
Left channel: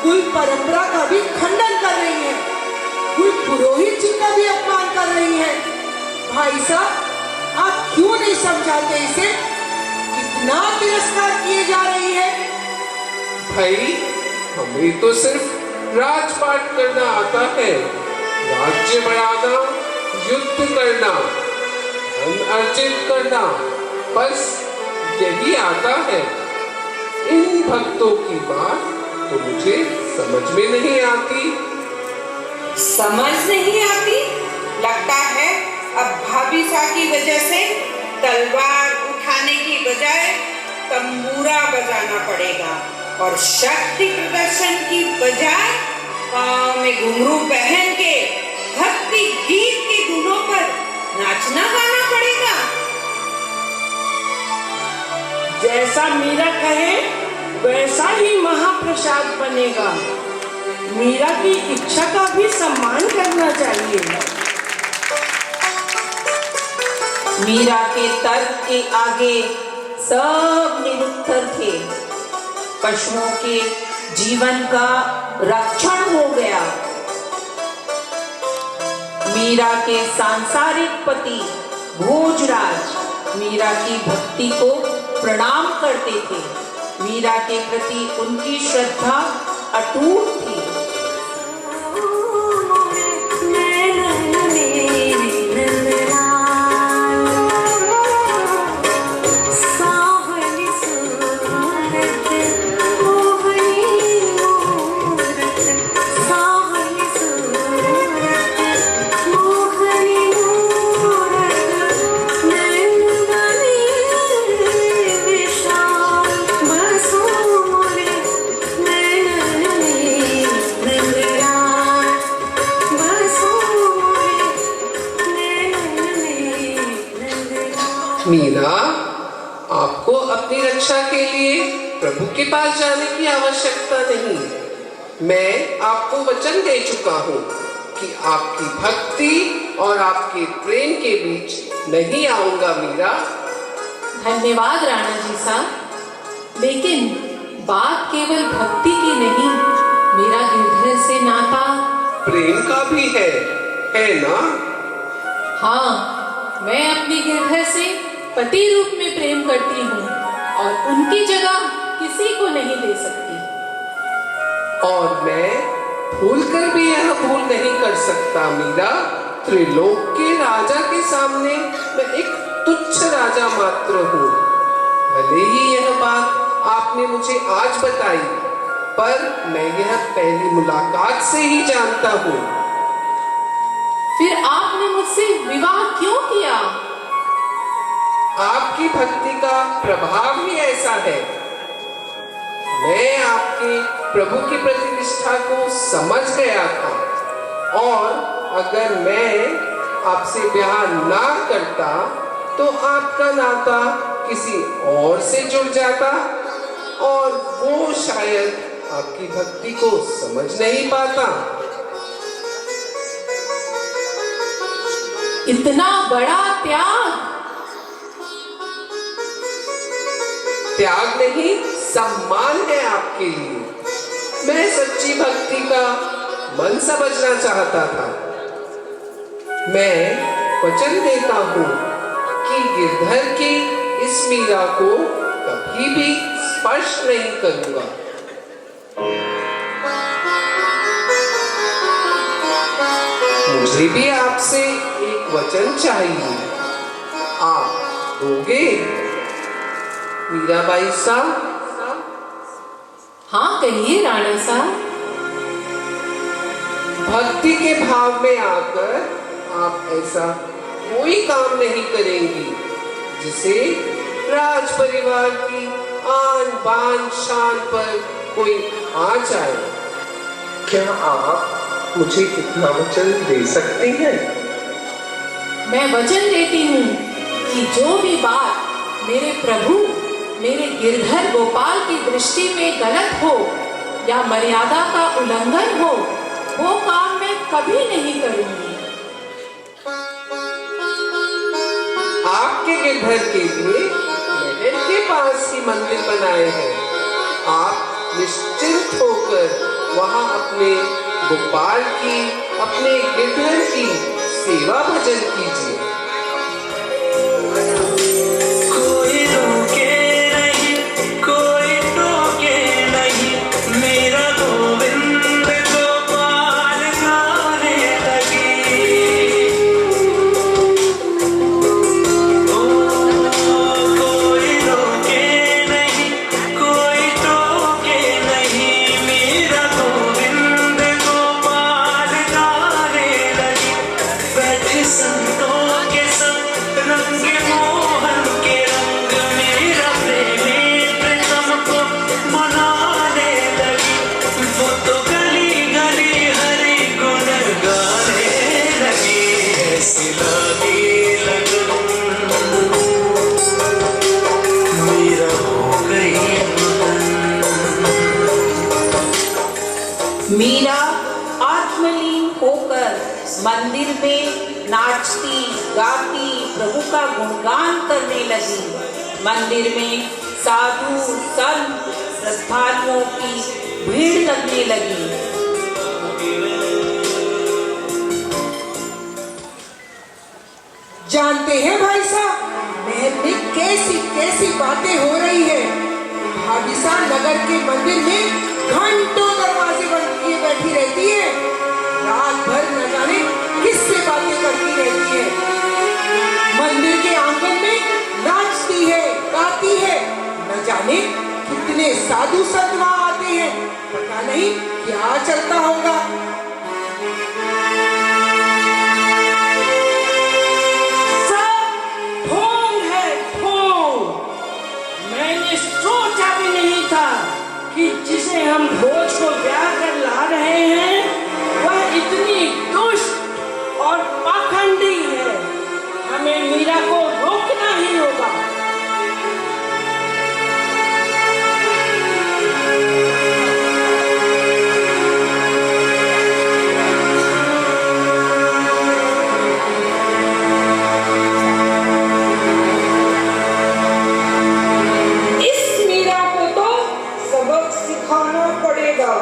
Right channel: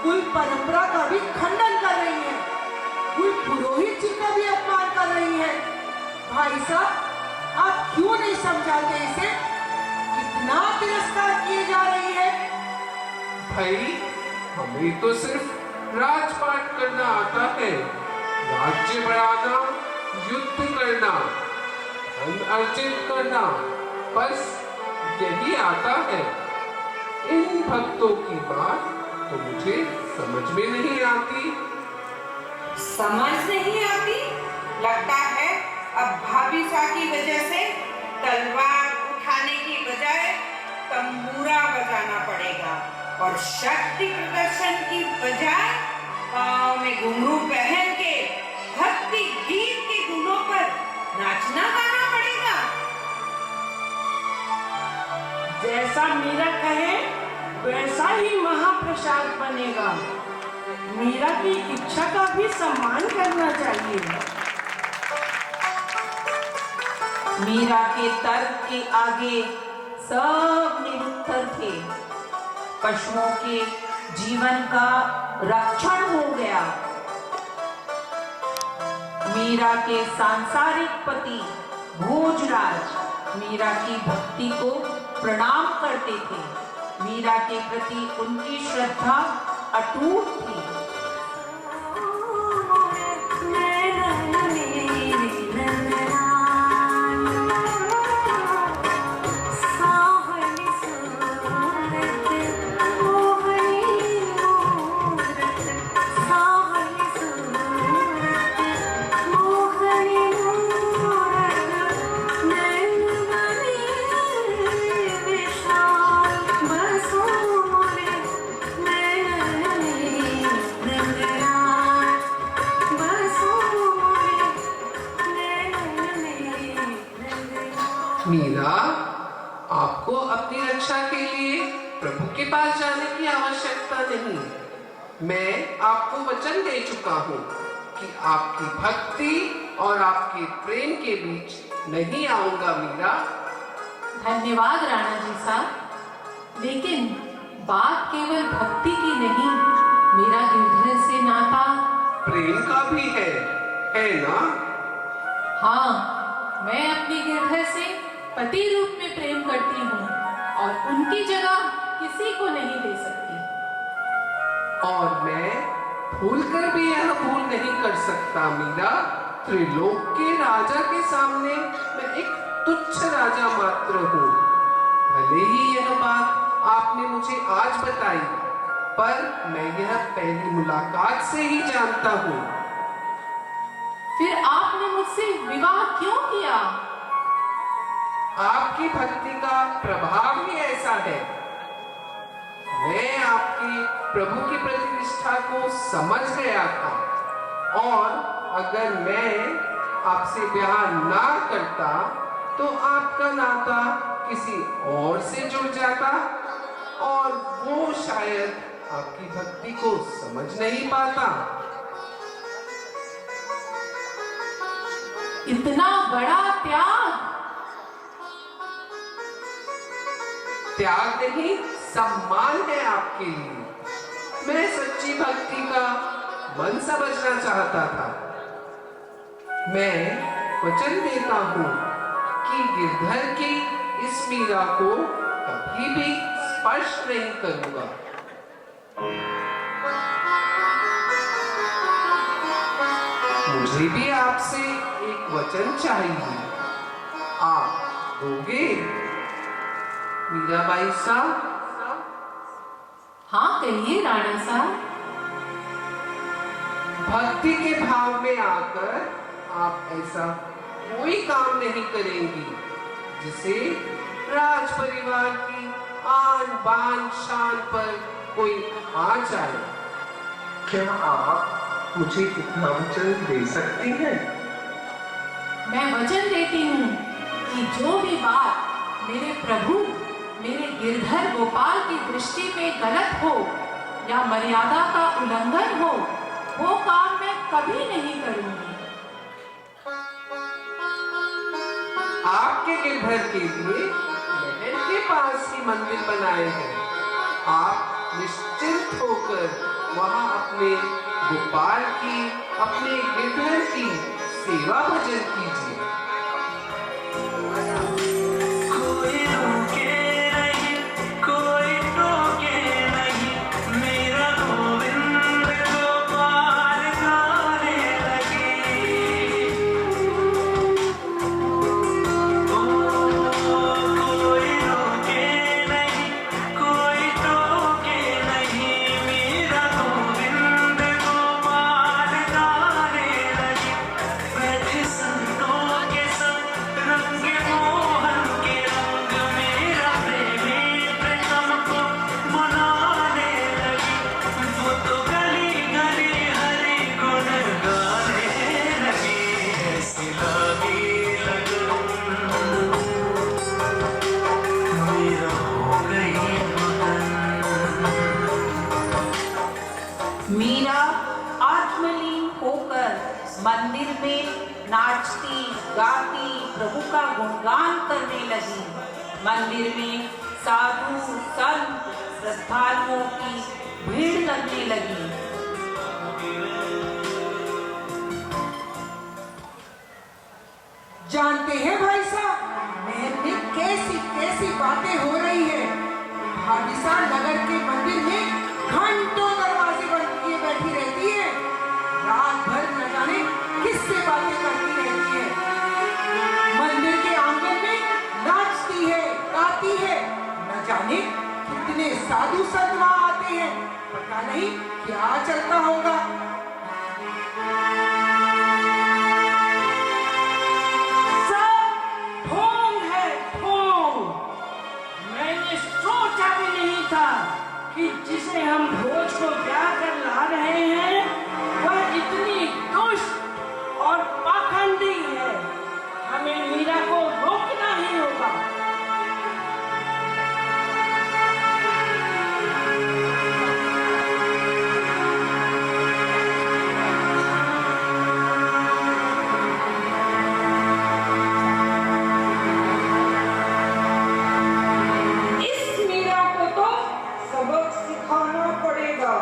कुल परंपरा का भी खंडन कर रही है, कुल पुरोहित जी का भी अपमान कर रही है। भाई साहब, आप क्यों नहीं समझाते इसे? कितना तिरस्कार किए जा रही है। भाई, हमें तो सिर्फ राजपाट करना आता है। राज्य बढ़ाना, युद्ध करना, धन अर्जित करना, बस यही आता है। इन भक्तों की बात तो मुझे समझ में नहीं आती। समझ नहीं आती? लगता है अब भाभी सा की वजह से तलवार उठाने की बजाय तंबूरा बजाना पड़ेगा और शक्ति प्रदर्शन की बजाय पाँव में घुंघरू पहन के भक्ति गीत के धुनों पर नाचना गाना पड़ेगा। जैसा मीरा कहे वैसा ही महाप्रसाद बनेगा। मीरा की इच्छा का भी सम्मान करना चाहिए। मीरा के तर्क के आगे सब निरुत्तर थे। पशुओं के जीवन का रक्षण हो गया। मीरा के सांसारिक पति भोजराज मीरा की भक्ति को प्रणाम करते थे। मीरा के प्रति उनकी श्रद्धा अटूट थी। मीरा, आपको अपनी रक्षा के लिए प्रभु के पास जाने की आवश्यकता नहीं। मैं आपको वचन दे चुका हूँ कि आपकी भक्ति और आपके प्रेम के बीच नहीं आऊंगा मीरा। धन्यवाद राणा जी साहब, लेकिन बात केवल भक्ति की नहीं, मेरा गिरधर से नाता प्रेम का भी है ना? हाँ, मैं अपनी गिरधर से पति रूप में प्रेम करती हूँ और उनकी जगह किसी को नहीं दे सकती। और मैं भूल कर भी यह भूल नहीं कर सकता मीरा। त्रिलोक के राजा के सामने मैं एक तुच्छ राजा मात्र हूँ। भले ही यह बात आपने मुझे आज बताई, पर मैं यह पहली मुलाकात से ही जानता हूँ। फिर आपने मुझसे विवाह क्यों किया? आपकी भक्ति का प्रभाव ही ऐसा है। मैं आपके प्रभु की प्रतिष्ठा को समझ गया था, और अगर मैं आपसे ब्याह ना करता तो आपका नाता किसी और से जुड़ जाता, और वो शायद आपकी भक्ति को समझ नहीं पाता। इतना बड़ा त्याग? त्याग नहीं, सम्मान है आपके लिए। मैं सच्ची भक्ति का मन समझना चाहता था। मैं वचन देता हूँ कि गिरधर की इस मीरा को कभी भी स्पर्श नहीं करूंगा। मुझे भी आपसे एक वचन चाहिए, आप दोगे मीराबाई साहब? हाँ कहिए राणा साहब। भक्ति के भाव में आकर आप ऐसा कोई काम नहीं करेंगी जिसे राज परिवार की आन बान शान पर कोई आ जाए। क्या आप मुझे इतना वचन दे सकती हैं? मैं वचन देती हूँ कि जो भी बात मेरे प्रभु, मेरे गिरधर गोपाल की दृष्टि में गलत हो या मर्यादा का उल्लंघन हो, वो काम मैं कभी नहीं करूंगी। आपके गिरधर के लिए महल के पास ही मंदिर बनाए हैं। आप निश्चिंत होकर वहां अपने गोपाल की, अपने गिरधर की सेवा भजन कीजिए। कोई रोके नहीं, कोई टोके नहीं, मेरा गोविंद गोपाल गाने लगी। कोई रोके नहीं, कोई टोके नहीं, मेरा गोविंद गोपाल गाने लगी। बैठे संतों के संग रंग मोहन के रंग, मेरा प्रेमी प्रीतम को मनाने लगी। वो तो गली गली हरि गुण गाने लगी। ऐसी लगी लगन मेरा हो गई मीरा आत्मलीन होकर मंदिर में नाचती गाती प्रभु का गुणगान करने लगी। मंदिर में साधु संत श्रद्धालुओं की भीड़ लगने लगी। जानते हैं भाई साहब, महल में कैसी कैसी बातें हो रही है। भाविसा नगर के मंदिर में घंटों दरवाजे बंद किए बैठी रहती है। रात भर न जाने किससे बातें करती रहती है। मंदिर के आंगन में नाचती है, गाती है। न जाने कितने साधु संत वहां आते हैं। पता नहीं क्या चलता होगा। मैंने सोचा भी नहीं था कि जिसे हम भोज को ब्याह कर ला रहे हैं वह इतनी दुष्ट और पाखंडी है। हमें मीरा को रोकना ही होगा। इस मीरा को तो सबक सिखाना पड़ेगा।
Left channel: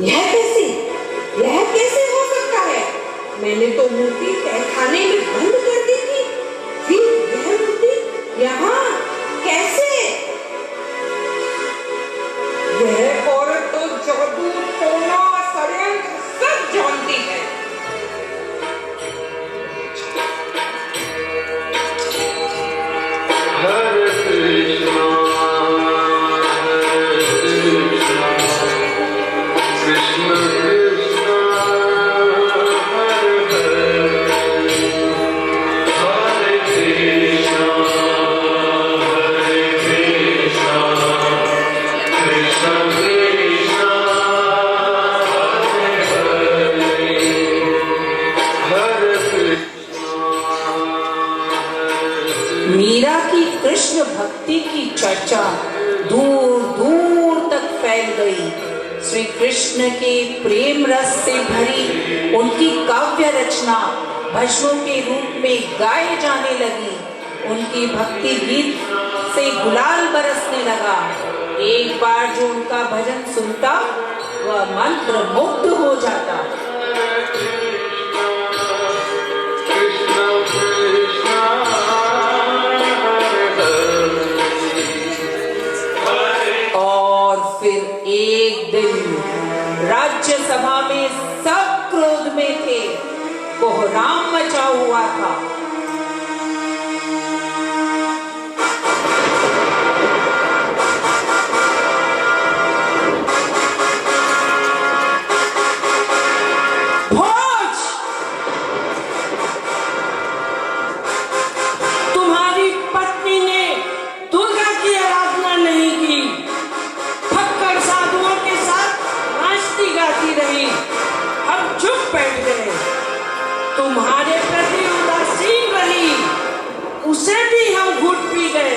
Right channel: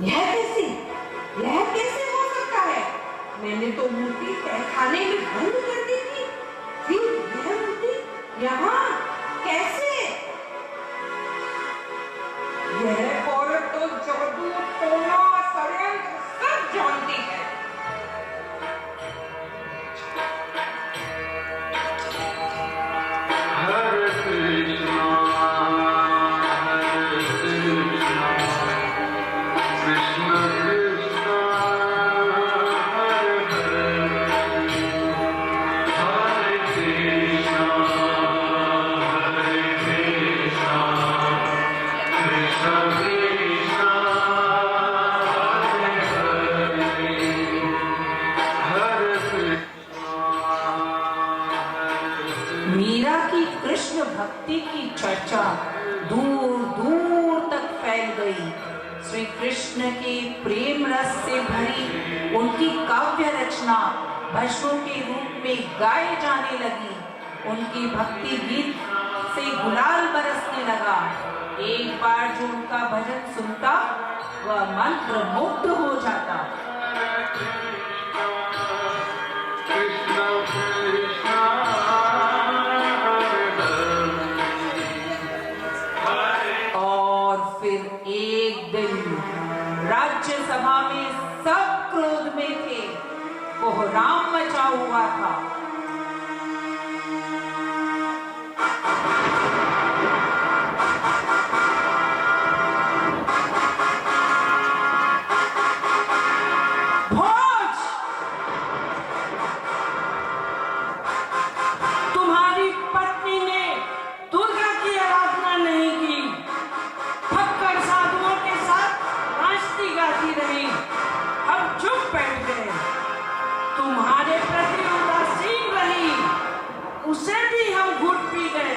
यह कैसे हो सकता है? मैंने तो मूर्ति तहखाने में बंद कर दी थी, फिर यह मूर्ति यहाँ कैसे? यह औरत तो जादू, टोना, षड्यंत्र सब जानती है। हरे कृष्णा कृष्ण कृष्ण हरे हरे हरे कृष्णा कृष्ण कृष्ण हरे हरे मीरा की कृष्ण भक्ति की चर्चा दूर दूर तक फैल गई। श्री कृष्ण के प्रेम रस से भरी उनकी काव्य रचना भजनों के रूप में गाए जाने लगी। उनकी भक्ति गीत से गुलाल बरसने लगा। एक बार जो उनका भजन सुनता वह मंत्र मुग्ध हो जाता। कृष्ण कृष्ण और फिर एक दिन राज्यसभा में सब क्रोध में थे, कोहराम मचा हुआ था। भोज, तुम्हारी पत्नी ने दुर्गा की आराधना नहीं की, फक्कड़ साधुओं के साथ नाचती गाती रही। हम चुप बैठ गए। तुम्हारे प्रति उदासीन रही, उसे भी हम घुट पी गए।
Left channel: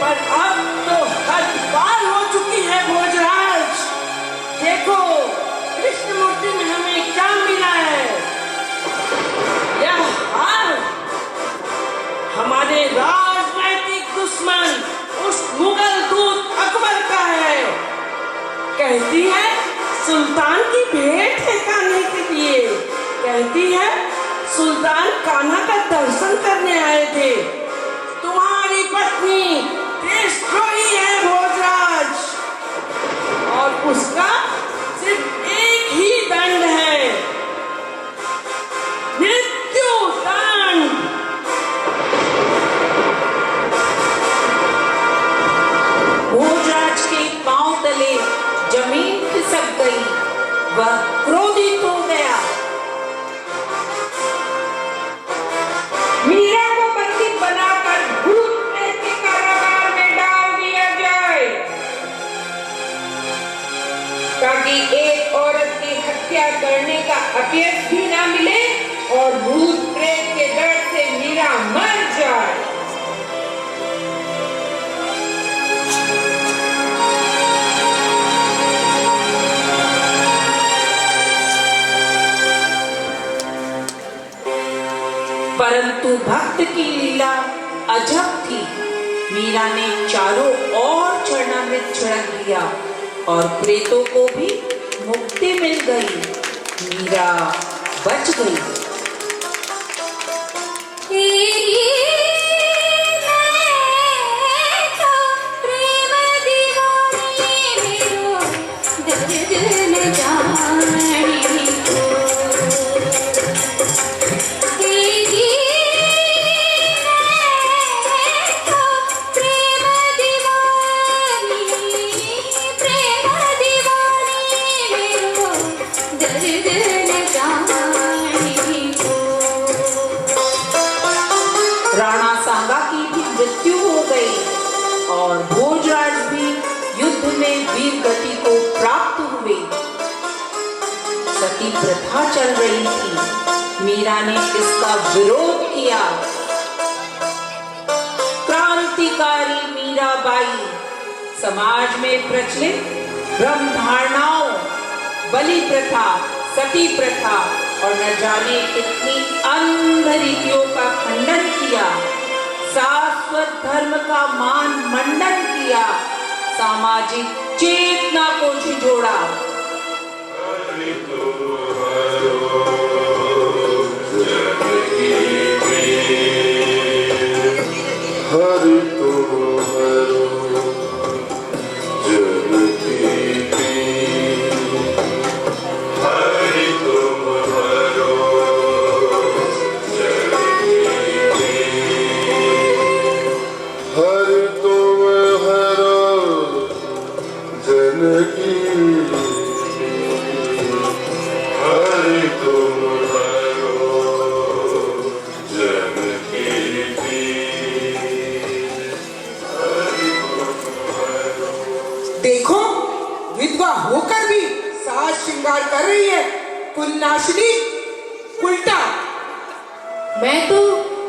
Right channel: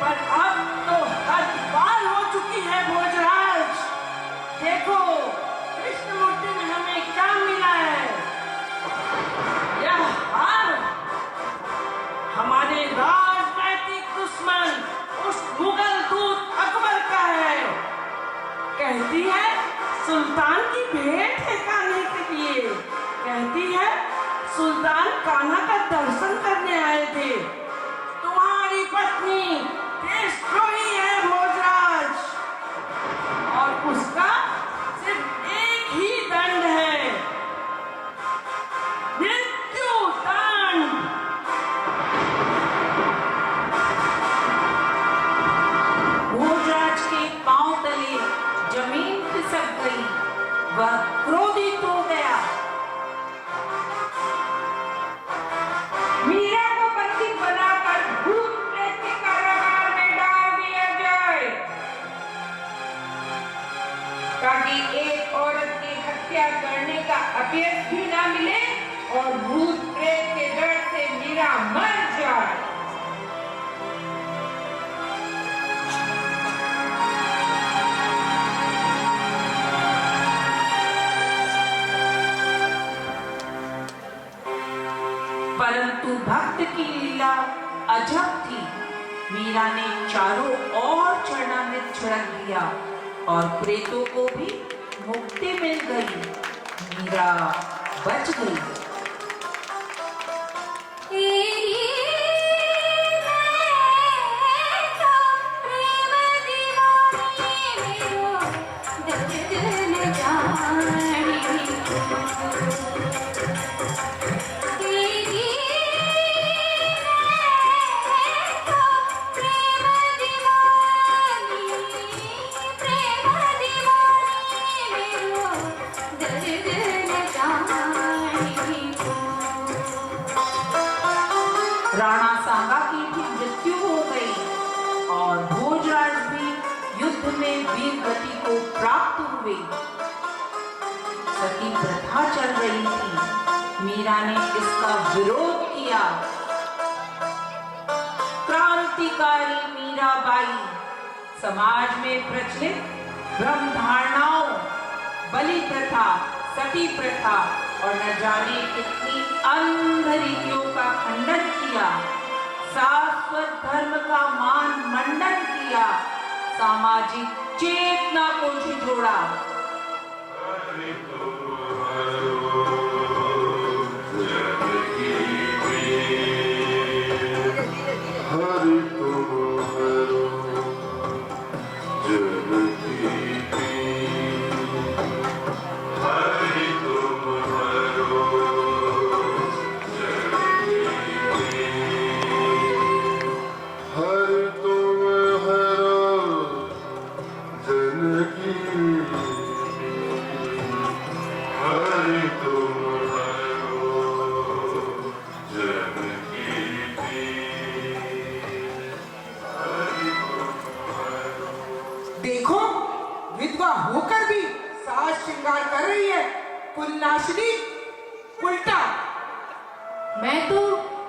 पर अब तो हद पार हो चुकी है भोजराज। देखो कृष्ण मूर्ति में हमें क्या मिला है। यह हार हमारे राजनैतिक दुश्मन उस मुगल दूत अकबर का है। कहती है सुल्तान की भेंट है कान्हे के लिए। कहती है सुल्तान कान्हा का दर्शन करने आए थे। तुम्हारी पत्नी देशद्रोही है भोजराज, और उसका सिर्फ एक ही दंड है, मृत्यु दंड। भोजराज के पांव तले जमीन खिसक गई। वह क्रोधित हो गया। मीरा को बंदी बनाकर भूत प्रेत के कारागार में डाल दिया जाए, ताकि एक औरत की हत्या करने का अपयश भी ना मिले और भूत प्रेत के डर से मीरा मर जाए। परंतु भक्त की लीला अजब थी। मीरा ने चारों ओर चरणामृत छिड़क दिया और प्रेतों को भी मुक्ति मिल गई। मीरा बच गई। राणा सांगा की भी मृत्यु हो गई और भोजराज भी युद्ध में वीर गति को प्राप्त हुए। सती प्रथा चल रही थी। मीरा ने इसका विरोध किया। क्रांतिकारी मीराबाई समाज में प्रचलित भ्रम धारणाओं, बलि प्रथा, सती प्रथा और न जाने कितनी अंध रीतियों का खंडन किया। शाश्वत धर्म का मान मंडन किया। सामाजिक चेतना को झिझोड़ा। हरि तुम हरो जन की पीर। हरि तुम हरो जन की पीर। हरि तुम हरो जन की पीर। हरि तुम हरो जन की पीर। देखो, विधवा होकर भी साज श्रृंगार कर रही है। कुलनाशिनी, उल्टा। मैं तो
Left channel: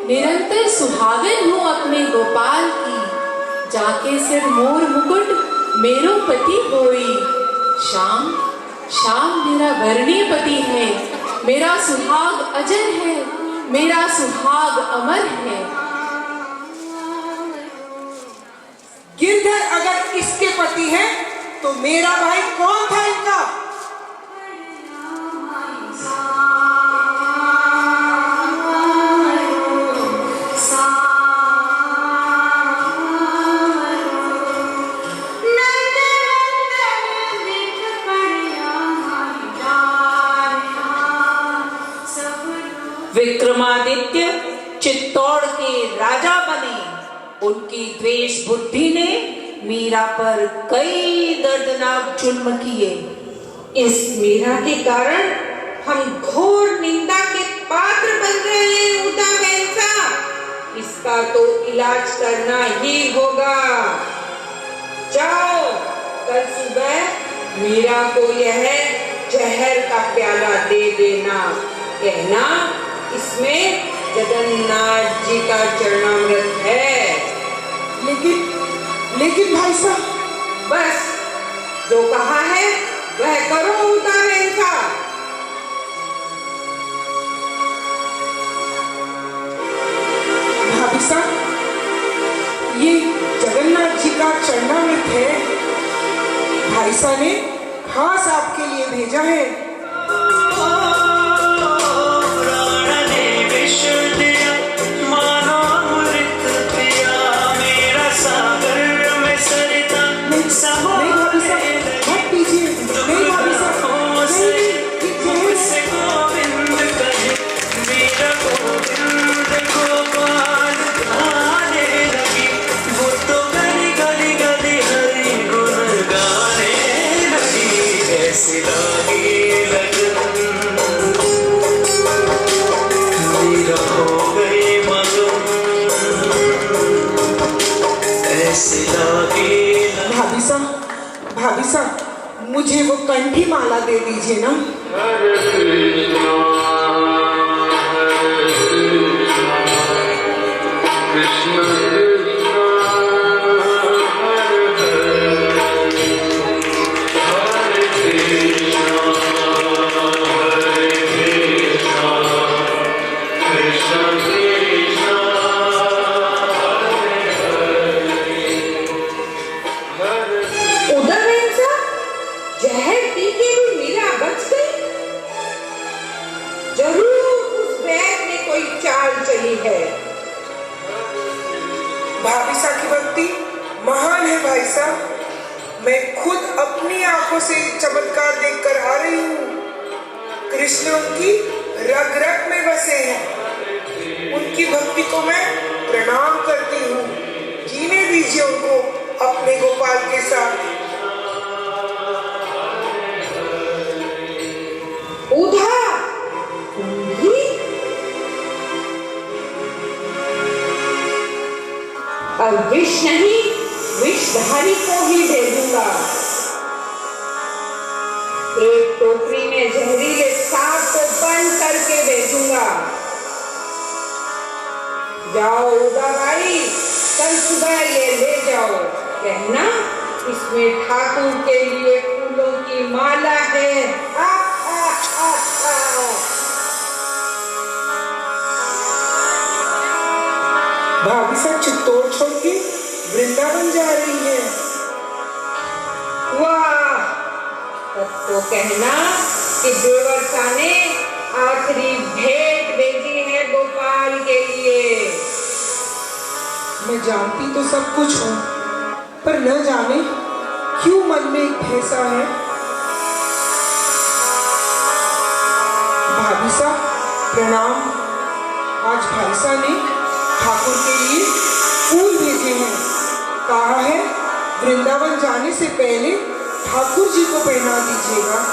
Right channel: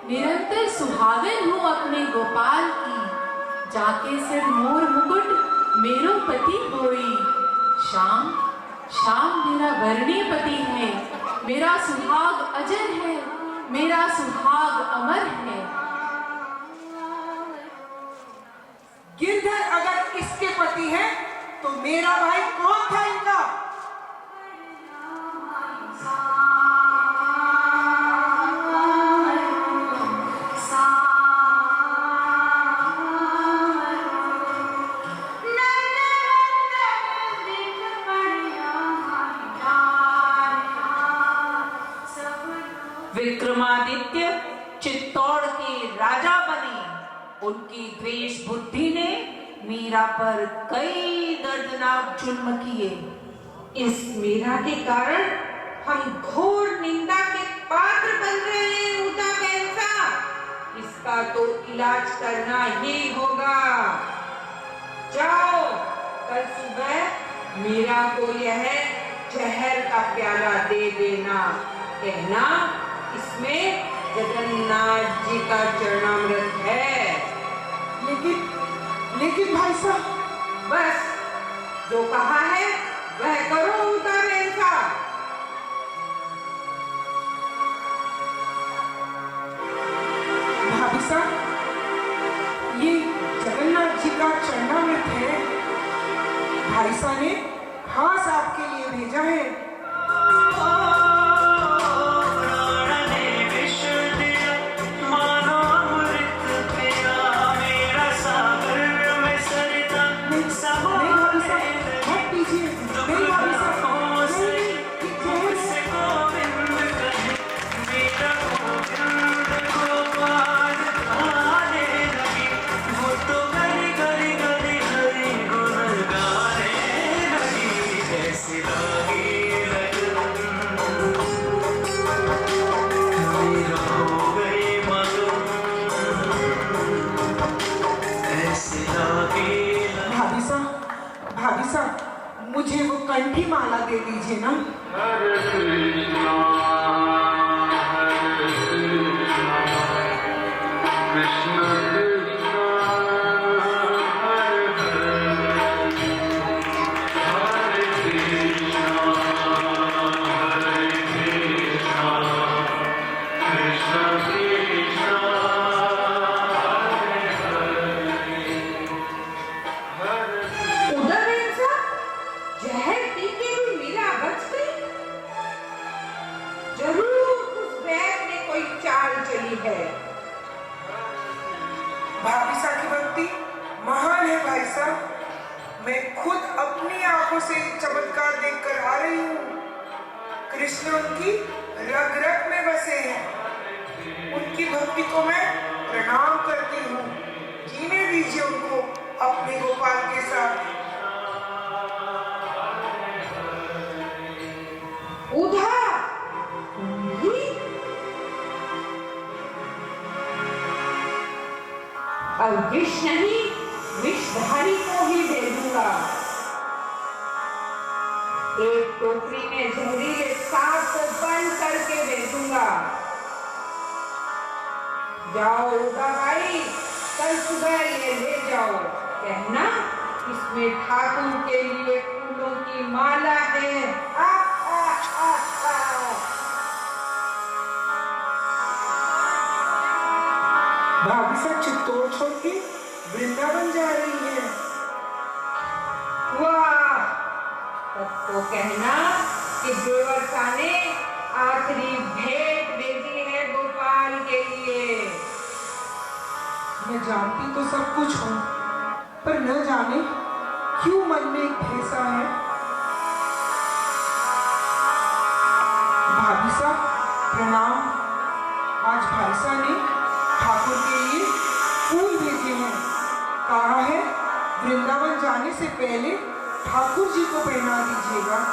निरंतर सुहागन हूँ अपने गोपाल की, जाके सिर मोर मुकुट मेरो पति होई। शाम शाम मेरा वर्णीय पति है, मेरा सुहाग अजर है, मेरा सुहाग अमर है। गिरधर अगर इसके पति है तो मेरा भाई कौन था इनका? विक्रमादित्य चित्तौड़ के राजा बने। उनकी द्वेष बुद्धि ने मीरा पर कई दर्दनाक जुल्म किए। इस मीरा के कारण हम घोर निंदा के पात्र बन रहे हैं उदा वैसा। इसका तो इलाज करना ही होगा। जाओ, कल सुबह मीरा को यह जहर का प्याला दे देना। कहना इसमें जगन्नाथ जी का चरणामृत है। लेकिन भाई साहब, बस जो कहा है वह करो उतारे इनका। भाभी साहब, ये जगन्नाथ जी का चरणामृत है। भाई साहब ने खास आपके लिए भेजा है। नहीं भाभी साहब, मत पीजिए। नहीं भाभी साहब, नहीं, ये भाभी साहब, मुझे वो कंठी माला दे दीजिए ना। हरे कृष्णा कृष्ण कृष्ण हरे हरे। हरे कृष्णा कृष्ण कृष्ण उधर ऐसा जहर पी के भी मीरा बच गई। जरूर उस बैग में कोई चाल चली है। भाभी साहब की भक्ति महान है भाई साहब। मैं खुद अपनी आंखों से चमत्कार देखकर आ रही हूँ। कृष्ण उनकी रग रग में बसे हैं। उनकी भक्ति को मैं प्रणाम करती हूँ। जीने दीजिए उनको अपने गोपाल के साथ। उधा ही अब विष नहीं, विषधारी को ही भेजूंगा। एक टोकरी में जहरीले सांप को बंद करके भेजूंगा। जाओ उदा भाई, कल सुबह ये ले जाओ। कहना इसमें ठाकुर के लिए फूलों की माला है। आ, आ, आ, आ। भाभी साहब चित्तौड़ छोड़ के वृंदावन जा रही है। वाह, तब तो कहना कि दुर्वासा ने आखिरी भेंट भेजी है गोपाल के लिए। मैं जानती तो सब कुछ हूँ, पर न जाने क्यों मन में एक भैसा है। भाभी साहब प्रणाम। आज भाई साहब ने ठाकुर के लिए फूल भेजे हैं। कहा है वृंदावन जाने से पहले ठाकुर जी को पहना दीजिएगा।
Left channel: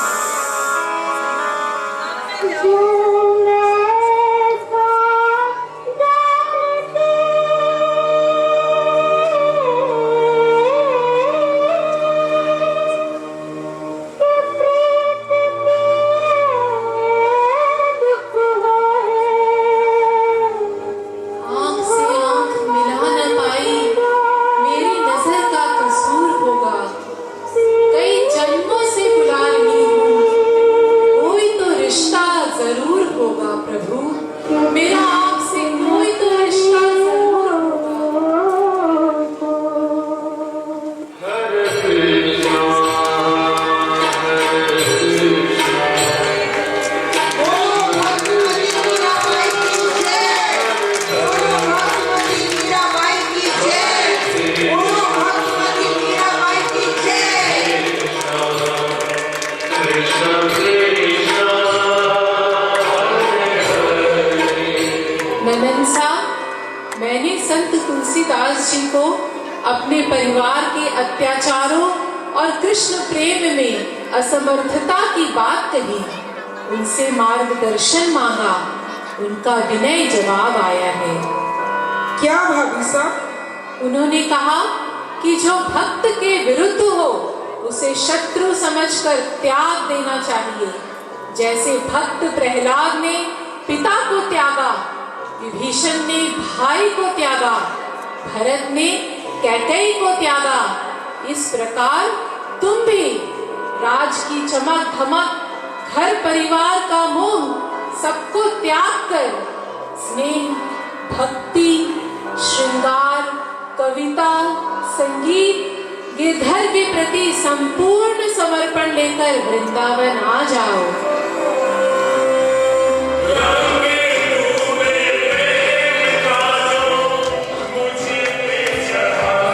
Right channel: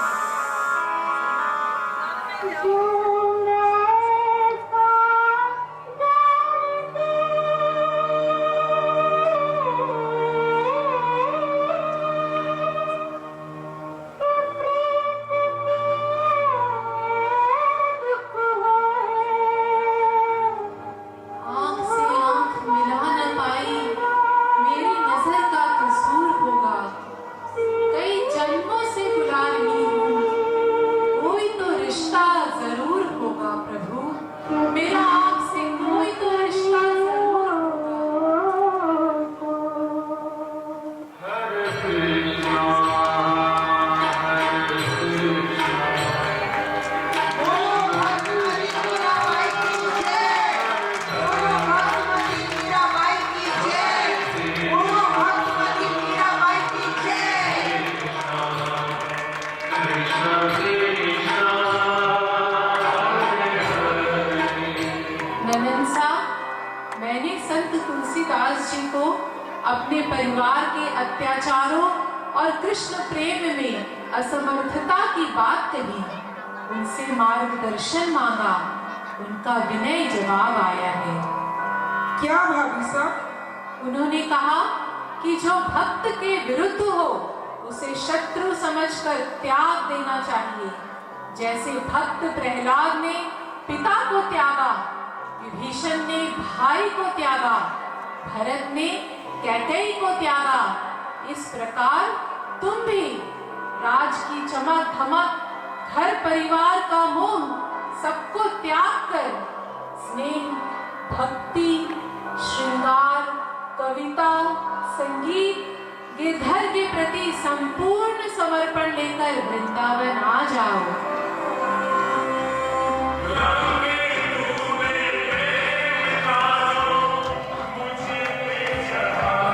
आँख से आँख मिला न पाई, मेरी नजर का कसूर होगा। कई जन्मों से बुला रही हूँ, कोई तो रिश्ता जरूर होगा प्रभु। मेरा आपसे कोई तो रिश्ता जरूर हरे कृष्णा कृष्ण कृष्ण ननन साहब, मैंने संत तुलसीदास जी को अपने परिवार के अत्याचारों और कृष्ण प्रेम में असमर्थता की बात कही। उनसे मार्गदर्शन मांगा, उनका विनय जवाब आया है। क्या भाभी साहब? उन्होंने कहा कि जो भक्त के विरुद्ध हो उसे शत्रु समझकर त्याग देना चाहिए। जैसे भक्त प्रहलाद ने पिता को त्यागा, विभीषण ने भाई को त्यागा, भरत ने कैकेयी को त्यागा, इस प्रकार तुम भी राज की चमक धमक, घर परिवार का मोह सबको त्याग कर स्नेह, भक्ति, श्रृंगार, कविता, संगीत, गिरधर के प्रति संपूर्ण समर्पण लेकर वृंदावन आ जाओ।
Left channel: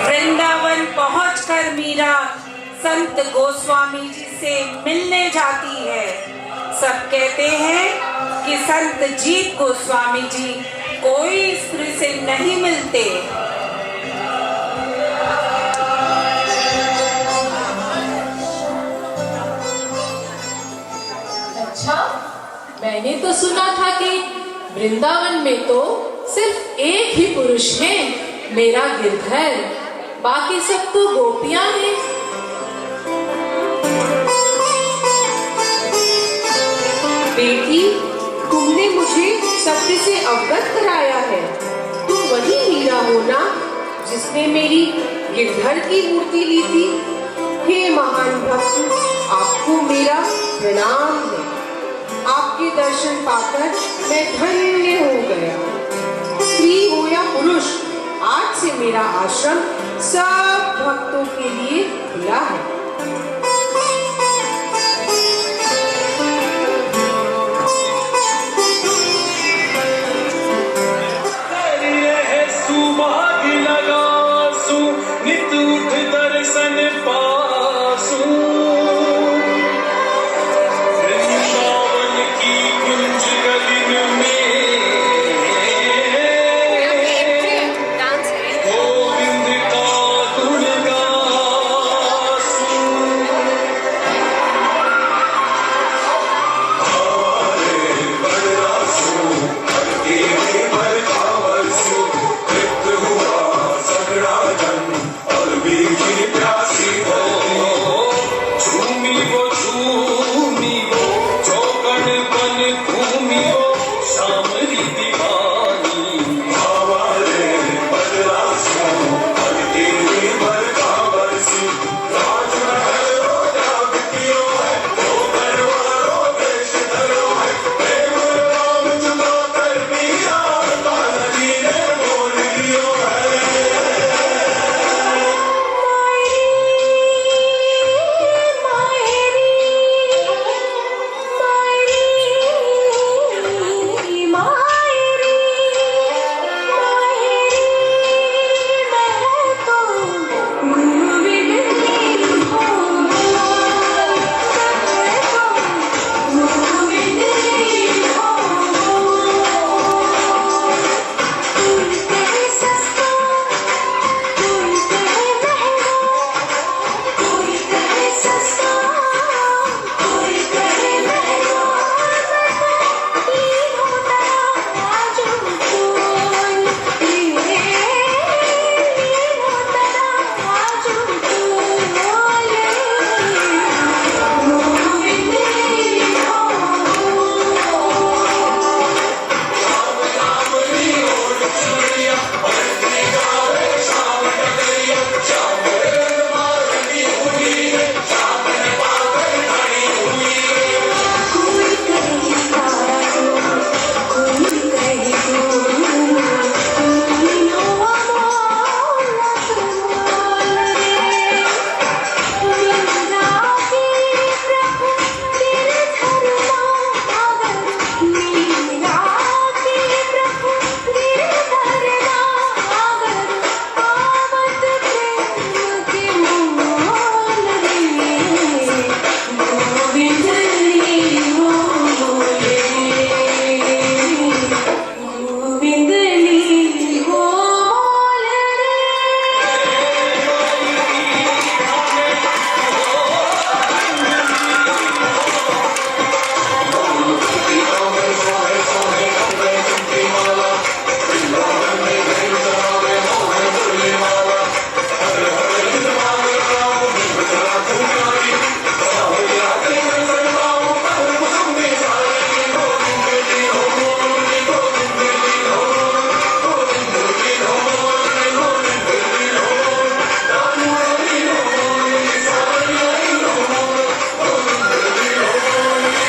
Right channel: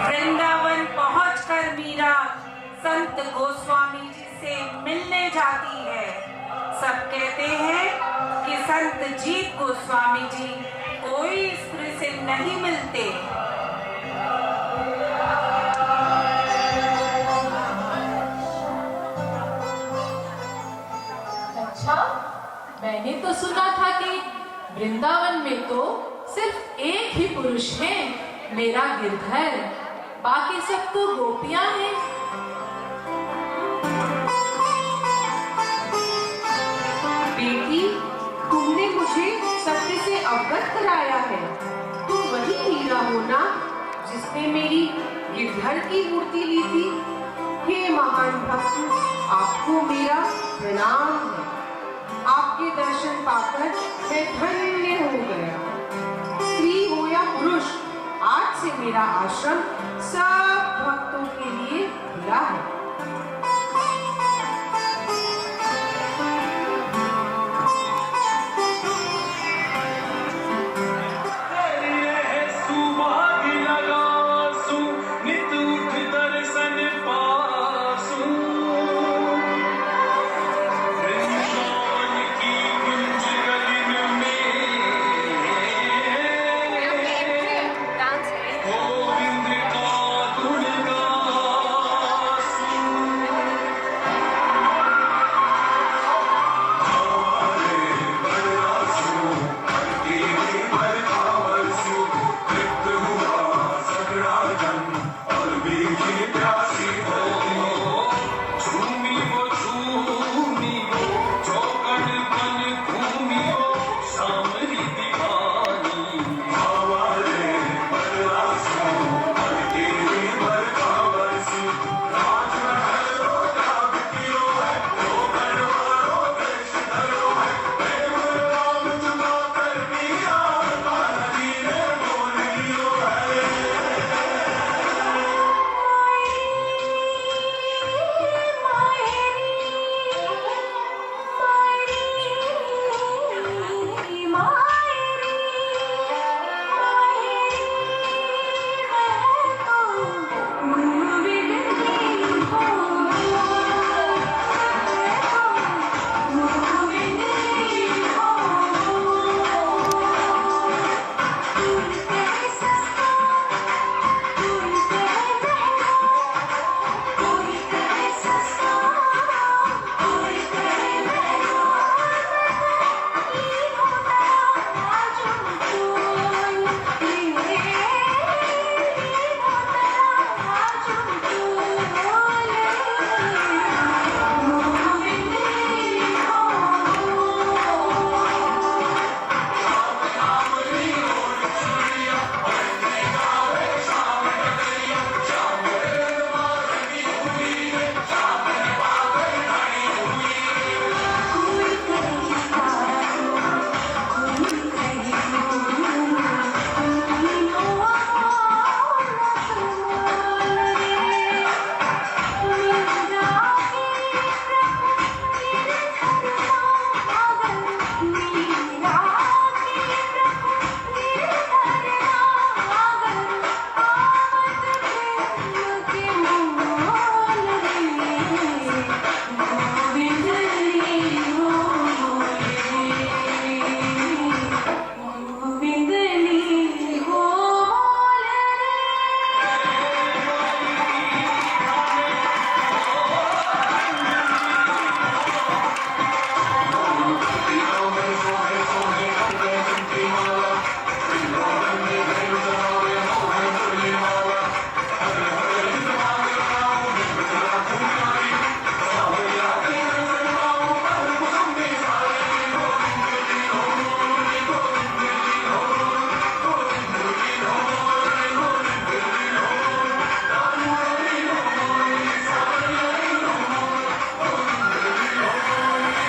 वृंदावन पहुंचकर मीरा संत गोस्वामी जी से मिलने जाती है। सब कहते हैं कि संत जीत गोस्वामी जी कोई स्त्री से नहीं मिलते। अच्छा, मैंने तो सुना था कि वृंदावन में तो सिर्फ एक ही पुरुष है, मेरा गिरधर। बाकी सब तो गोपियां हैं। बेटी, तुमने मुझे सत्य से अवगत कराया है। तुम वही मीरा हो ना जिसने मेरी गिरधर की मूर्ति ली थी? हे महान भक्त, आपको मेरा प्रणाम है। आपके दर्शन पाकर मैं धन्य हो गया। स्त्री हो या पुरुष, आज से मेरा आश्रम सब भक्तों के लिए खुला है।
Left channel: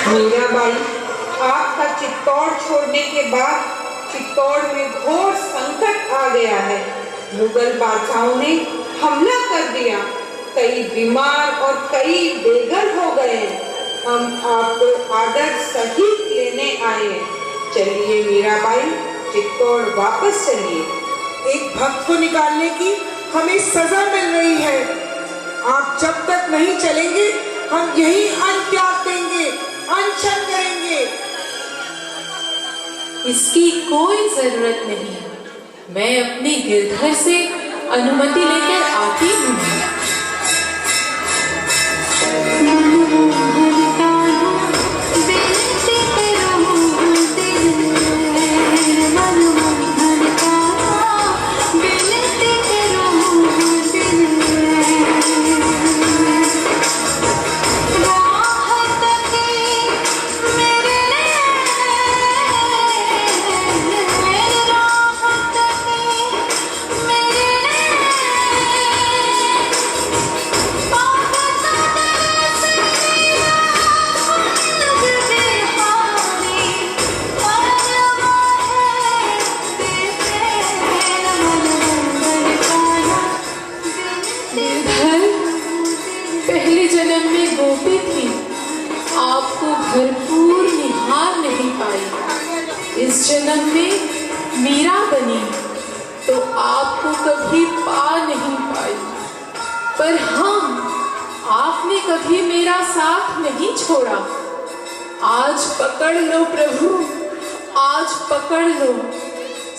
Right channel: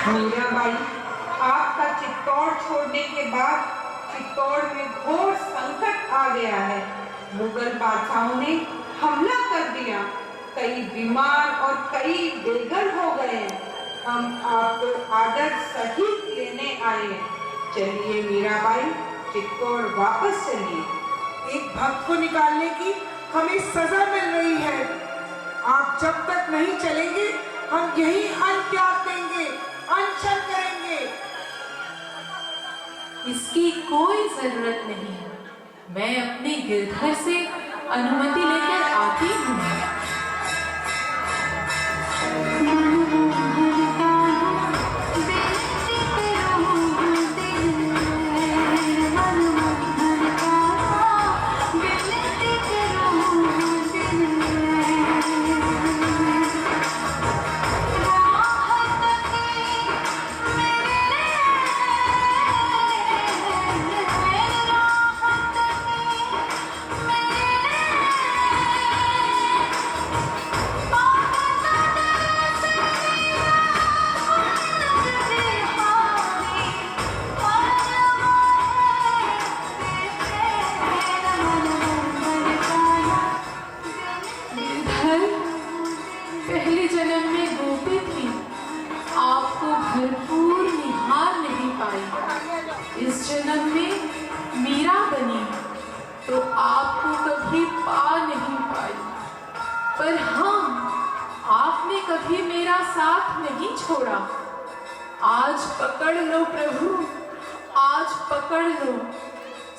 मीराबाई, आपका चित्तौड़ छोड़ने के बाद चित्तौड़ में घोर संकट आ गया है। मुगल बादशाहों ने हमला कर दिया, कई बीमार और कई बेघर हो गए। हम आपको आदर सहित लेने आए हैं। चलिए मीराबाई, चित्तौड़ वापस चलिए। एक भक्त को निकालने की हमें सजा मिल रही है। आप जब तक नहीं चलेंगे हम यही अन्न त्याग देंगे, अनशन करेंगे। इसकी कोई जरूरत नहीं, मैं अपने गिरधर से अनुमति लेकर आती हूँ। पहले जन्म में गोपी थी, आपको भरपूर निहार नहीं पाई। इस जन्म में मीरा बनी तो आपको कभी पा नहीं पाई। पर हाँ, आपने कभी मेरा साथ नहीं छोड़ा। आज पकड़ लो प्रभु, आज पकड़ लो,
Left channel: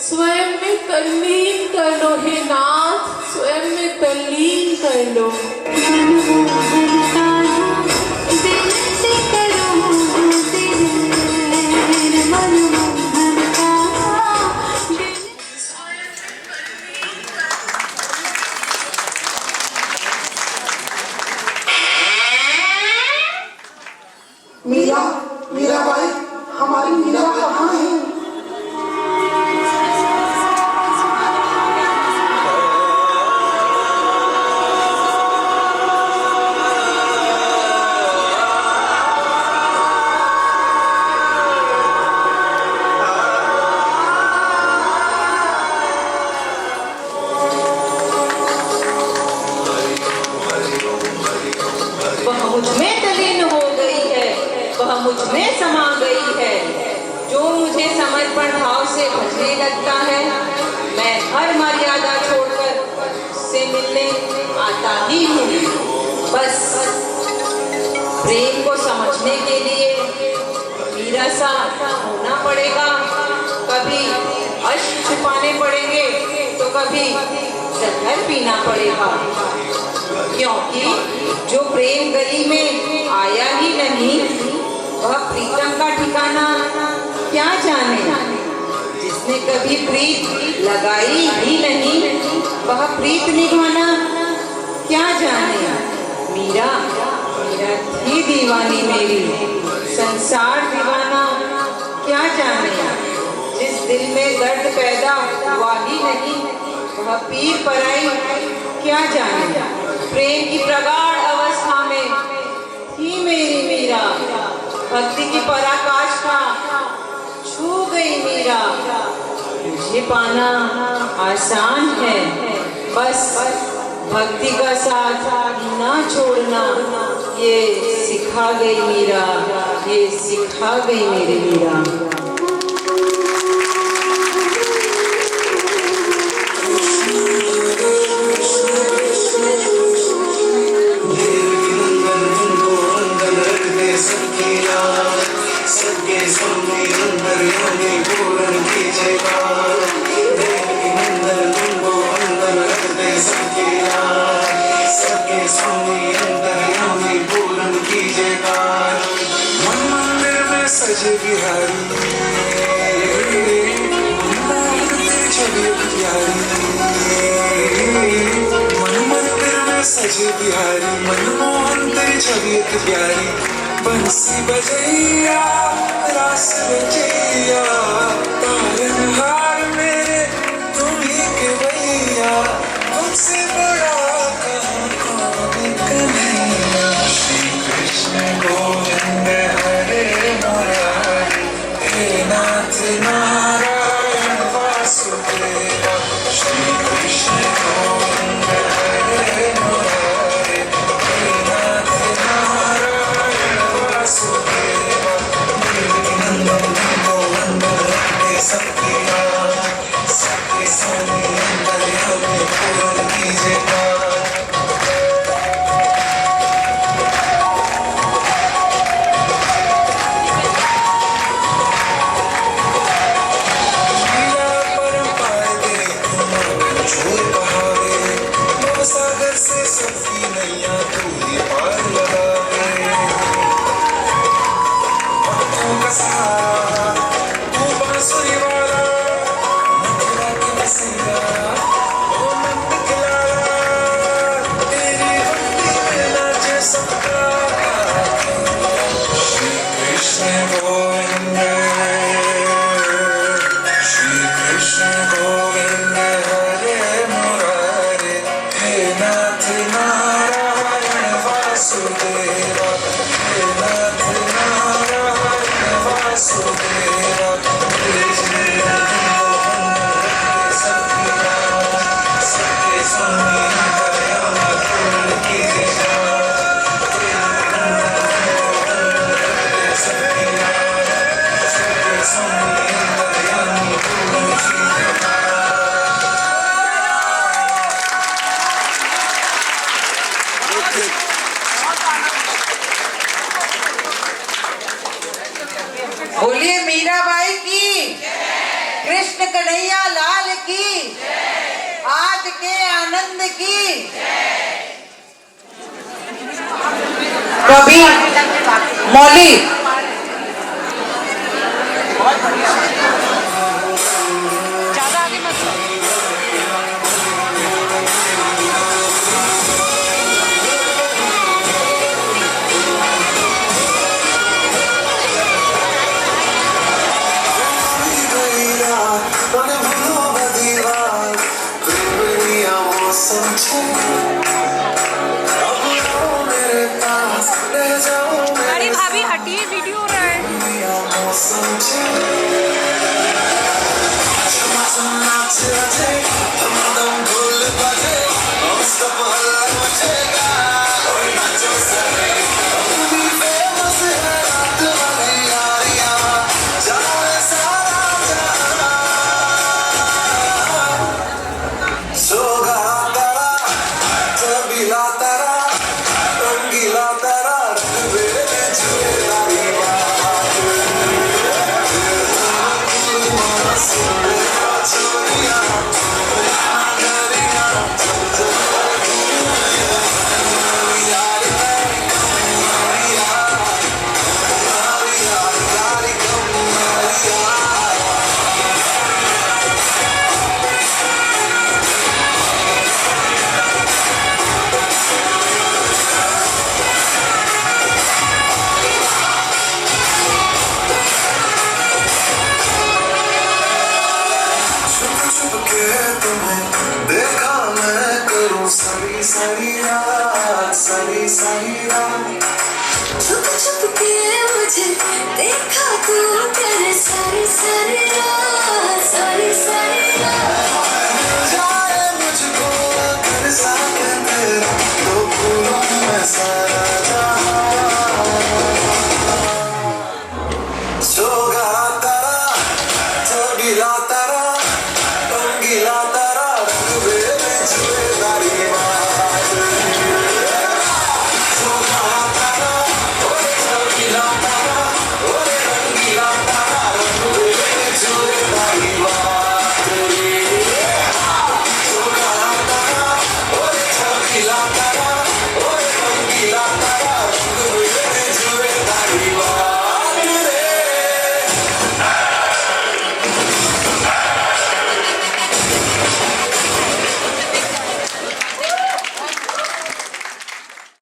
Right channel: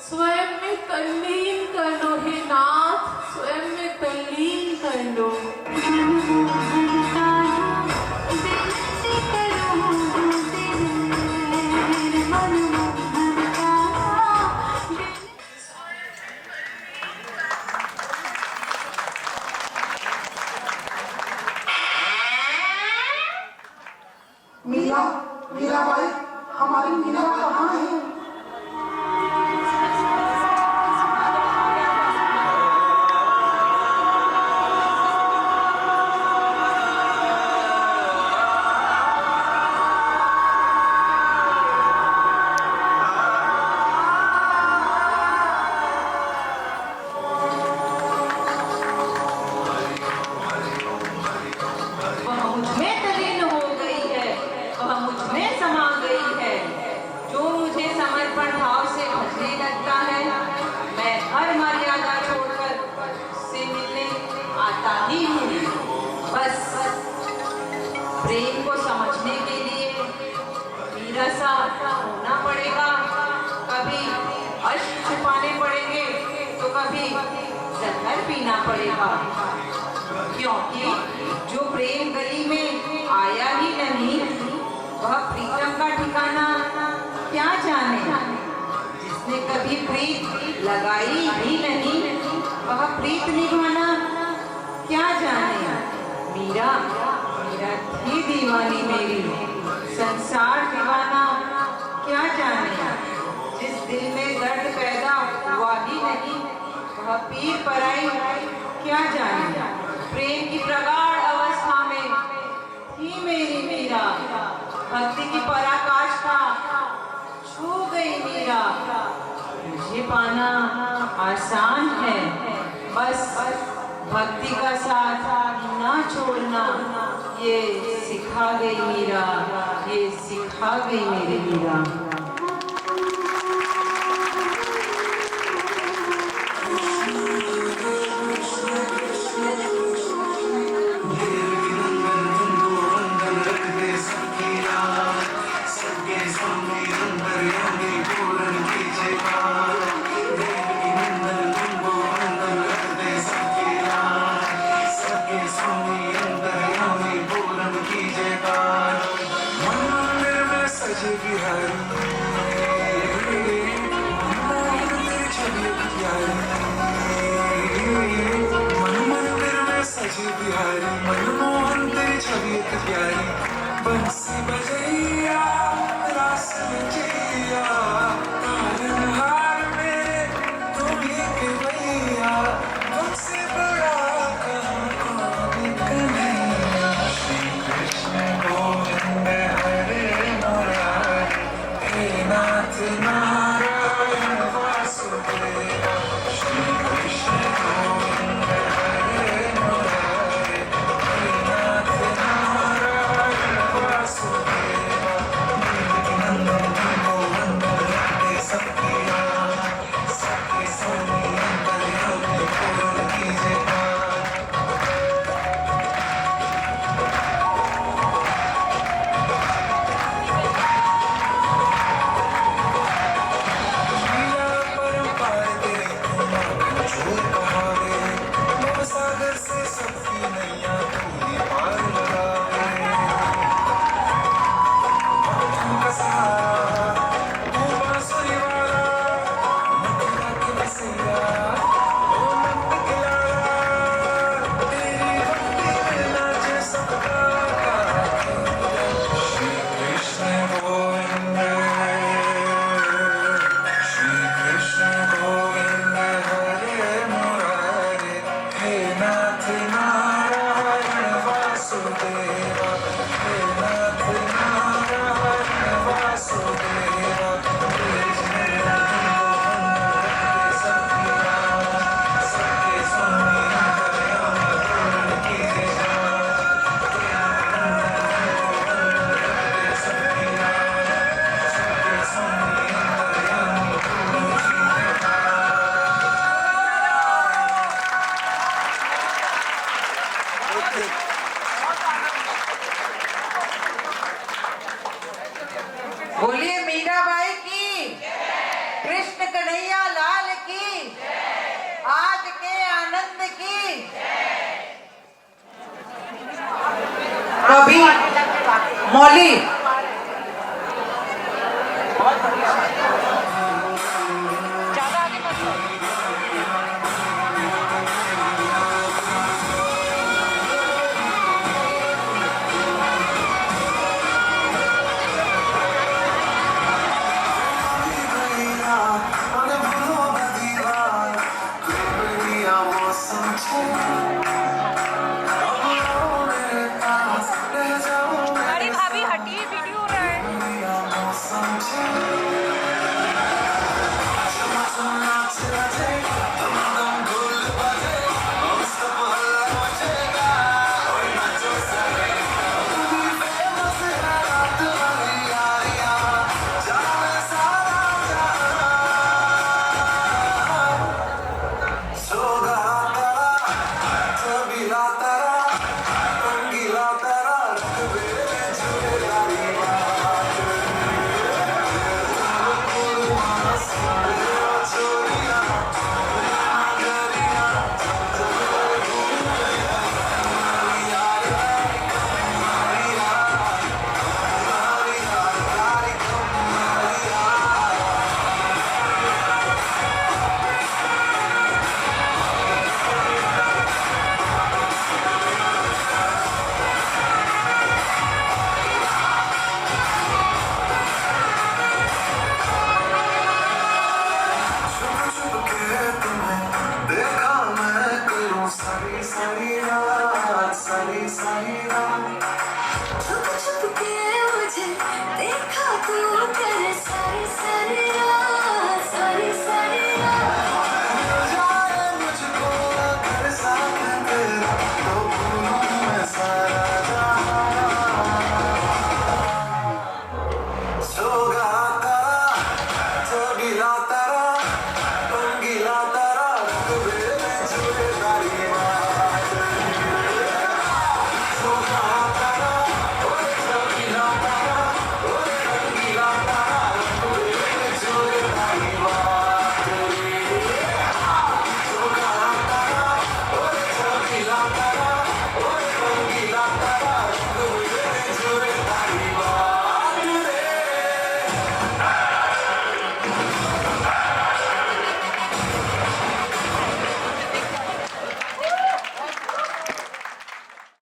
स्वयं में तल्लीन कर लो हे नाथ, स्वयं में तल्लीन कर लो। मीराबाई, हमारी मीरा कहाँ है? वह मुझ में तलीन हो गई है, वह मुझ में समा गई है। जो मुझे समर्पण भाव से भजने लगता है, मैं हर मर्यादा छोड़कर उससे मिलने आता ही हूँ। बस प्रेम को समझने के लिए मीरा सा होना पड़ेगा। कभी अश्क छुपाने पड़ेंगे तो कभी जहर पीना पड़ेगा, क्योंकि जो प्रेम गली में आया ही नहीं, वह प्रीतम का ठिकाना क्या जाने। जिसने कभी प्रीत लगाई ही नहीं, वह प्रीत निभाना क्या जाने। मीरा थी दीवानी मेरी, संसार दीवाना क्या जाने। जिस दिल में दर्द पैदा हुआ ही नहीं, वह पीर पराई क्या जाने। प्रेम की प्रगाढ़ अवस्था में थी मेरी मीरा, भक्ति की पराकाष्ठा छू गई मीरा। मुझे पाना आसान है, बस भक्ति का साथ ना छोड़ना, ये सिखा गई मीरा, ये सिखा गई मेरी मीरा। सजे बिहारी छवि प्यारी, मन मंदिर में सजे बिहारी, मनमोहन तेरी छवि प्यारी। बंसी बजैया रास रचैया, तारनहार मेरे तुम्ही के भैया, मुझसे बड़ा कहाँ कौन कन्हैया। श्री कृष्ण गोविंद हरे नारायण वासुदेव श्री कृष्ण गोविंद हरे मुरारे हे नाथ नारायण वासुदेव देवकी नंदन गोविंद सबकी राज सबके स्वामी अंतर्यामी पूर्ण कीजिए काज। सागर से सबकी नैया तू ही पार लगावे भक्तों का सहारा तू बांसुरी वाला मथुरा के बसैया ओ नंद के लाला तेरी भक्ति में नाचे सबका श्री कृष्ण गोविंद श्री कृष्ण गोविंद हरे मुरारे हे नाथ नारायण वासुदेव हे नाथ नारायण वासुदेव सबकी राज सबके स्वामी दयामय पूर्ण कीजिए सबकी राज सबके स्वामी दयामय पूर्ण कीजिए। बोलिए मीराबाई की, कृष्ण कन्हैया लाल की, आज के आनंद की। कवि मौली अरे भाभी हटिए, वीडियो हो रहा है। देखा मैं करूं सारी सारी रात सारी सारी रात छुप छुप के मुझे देखा तू कर सारी सारी रात।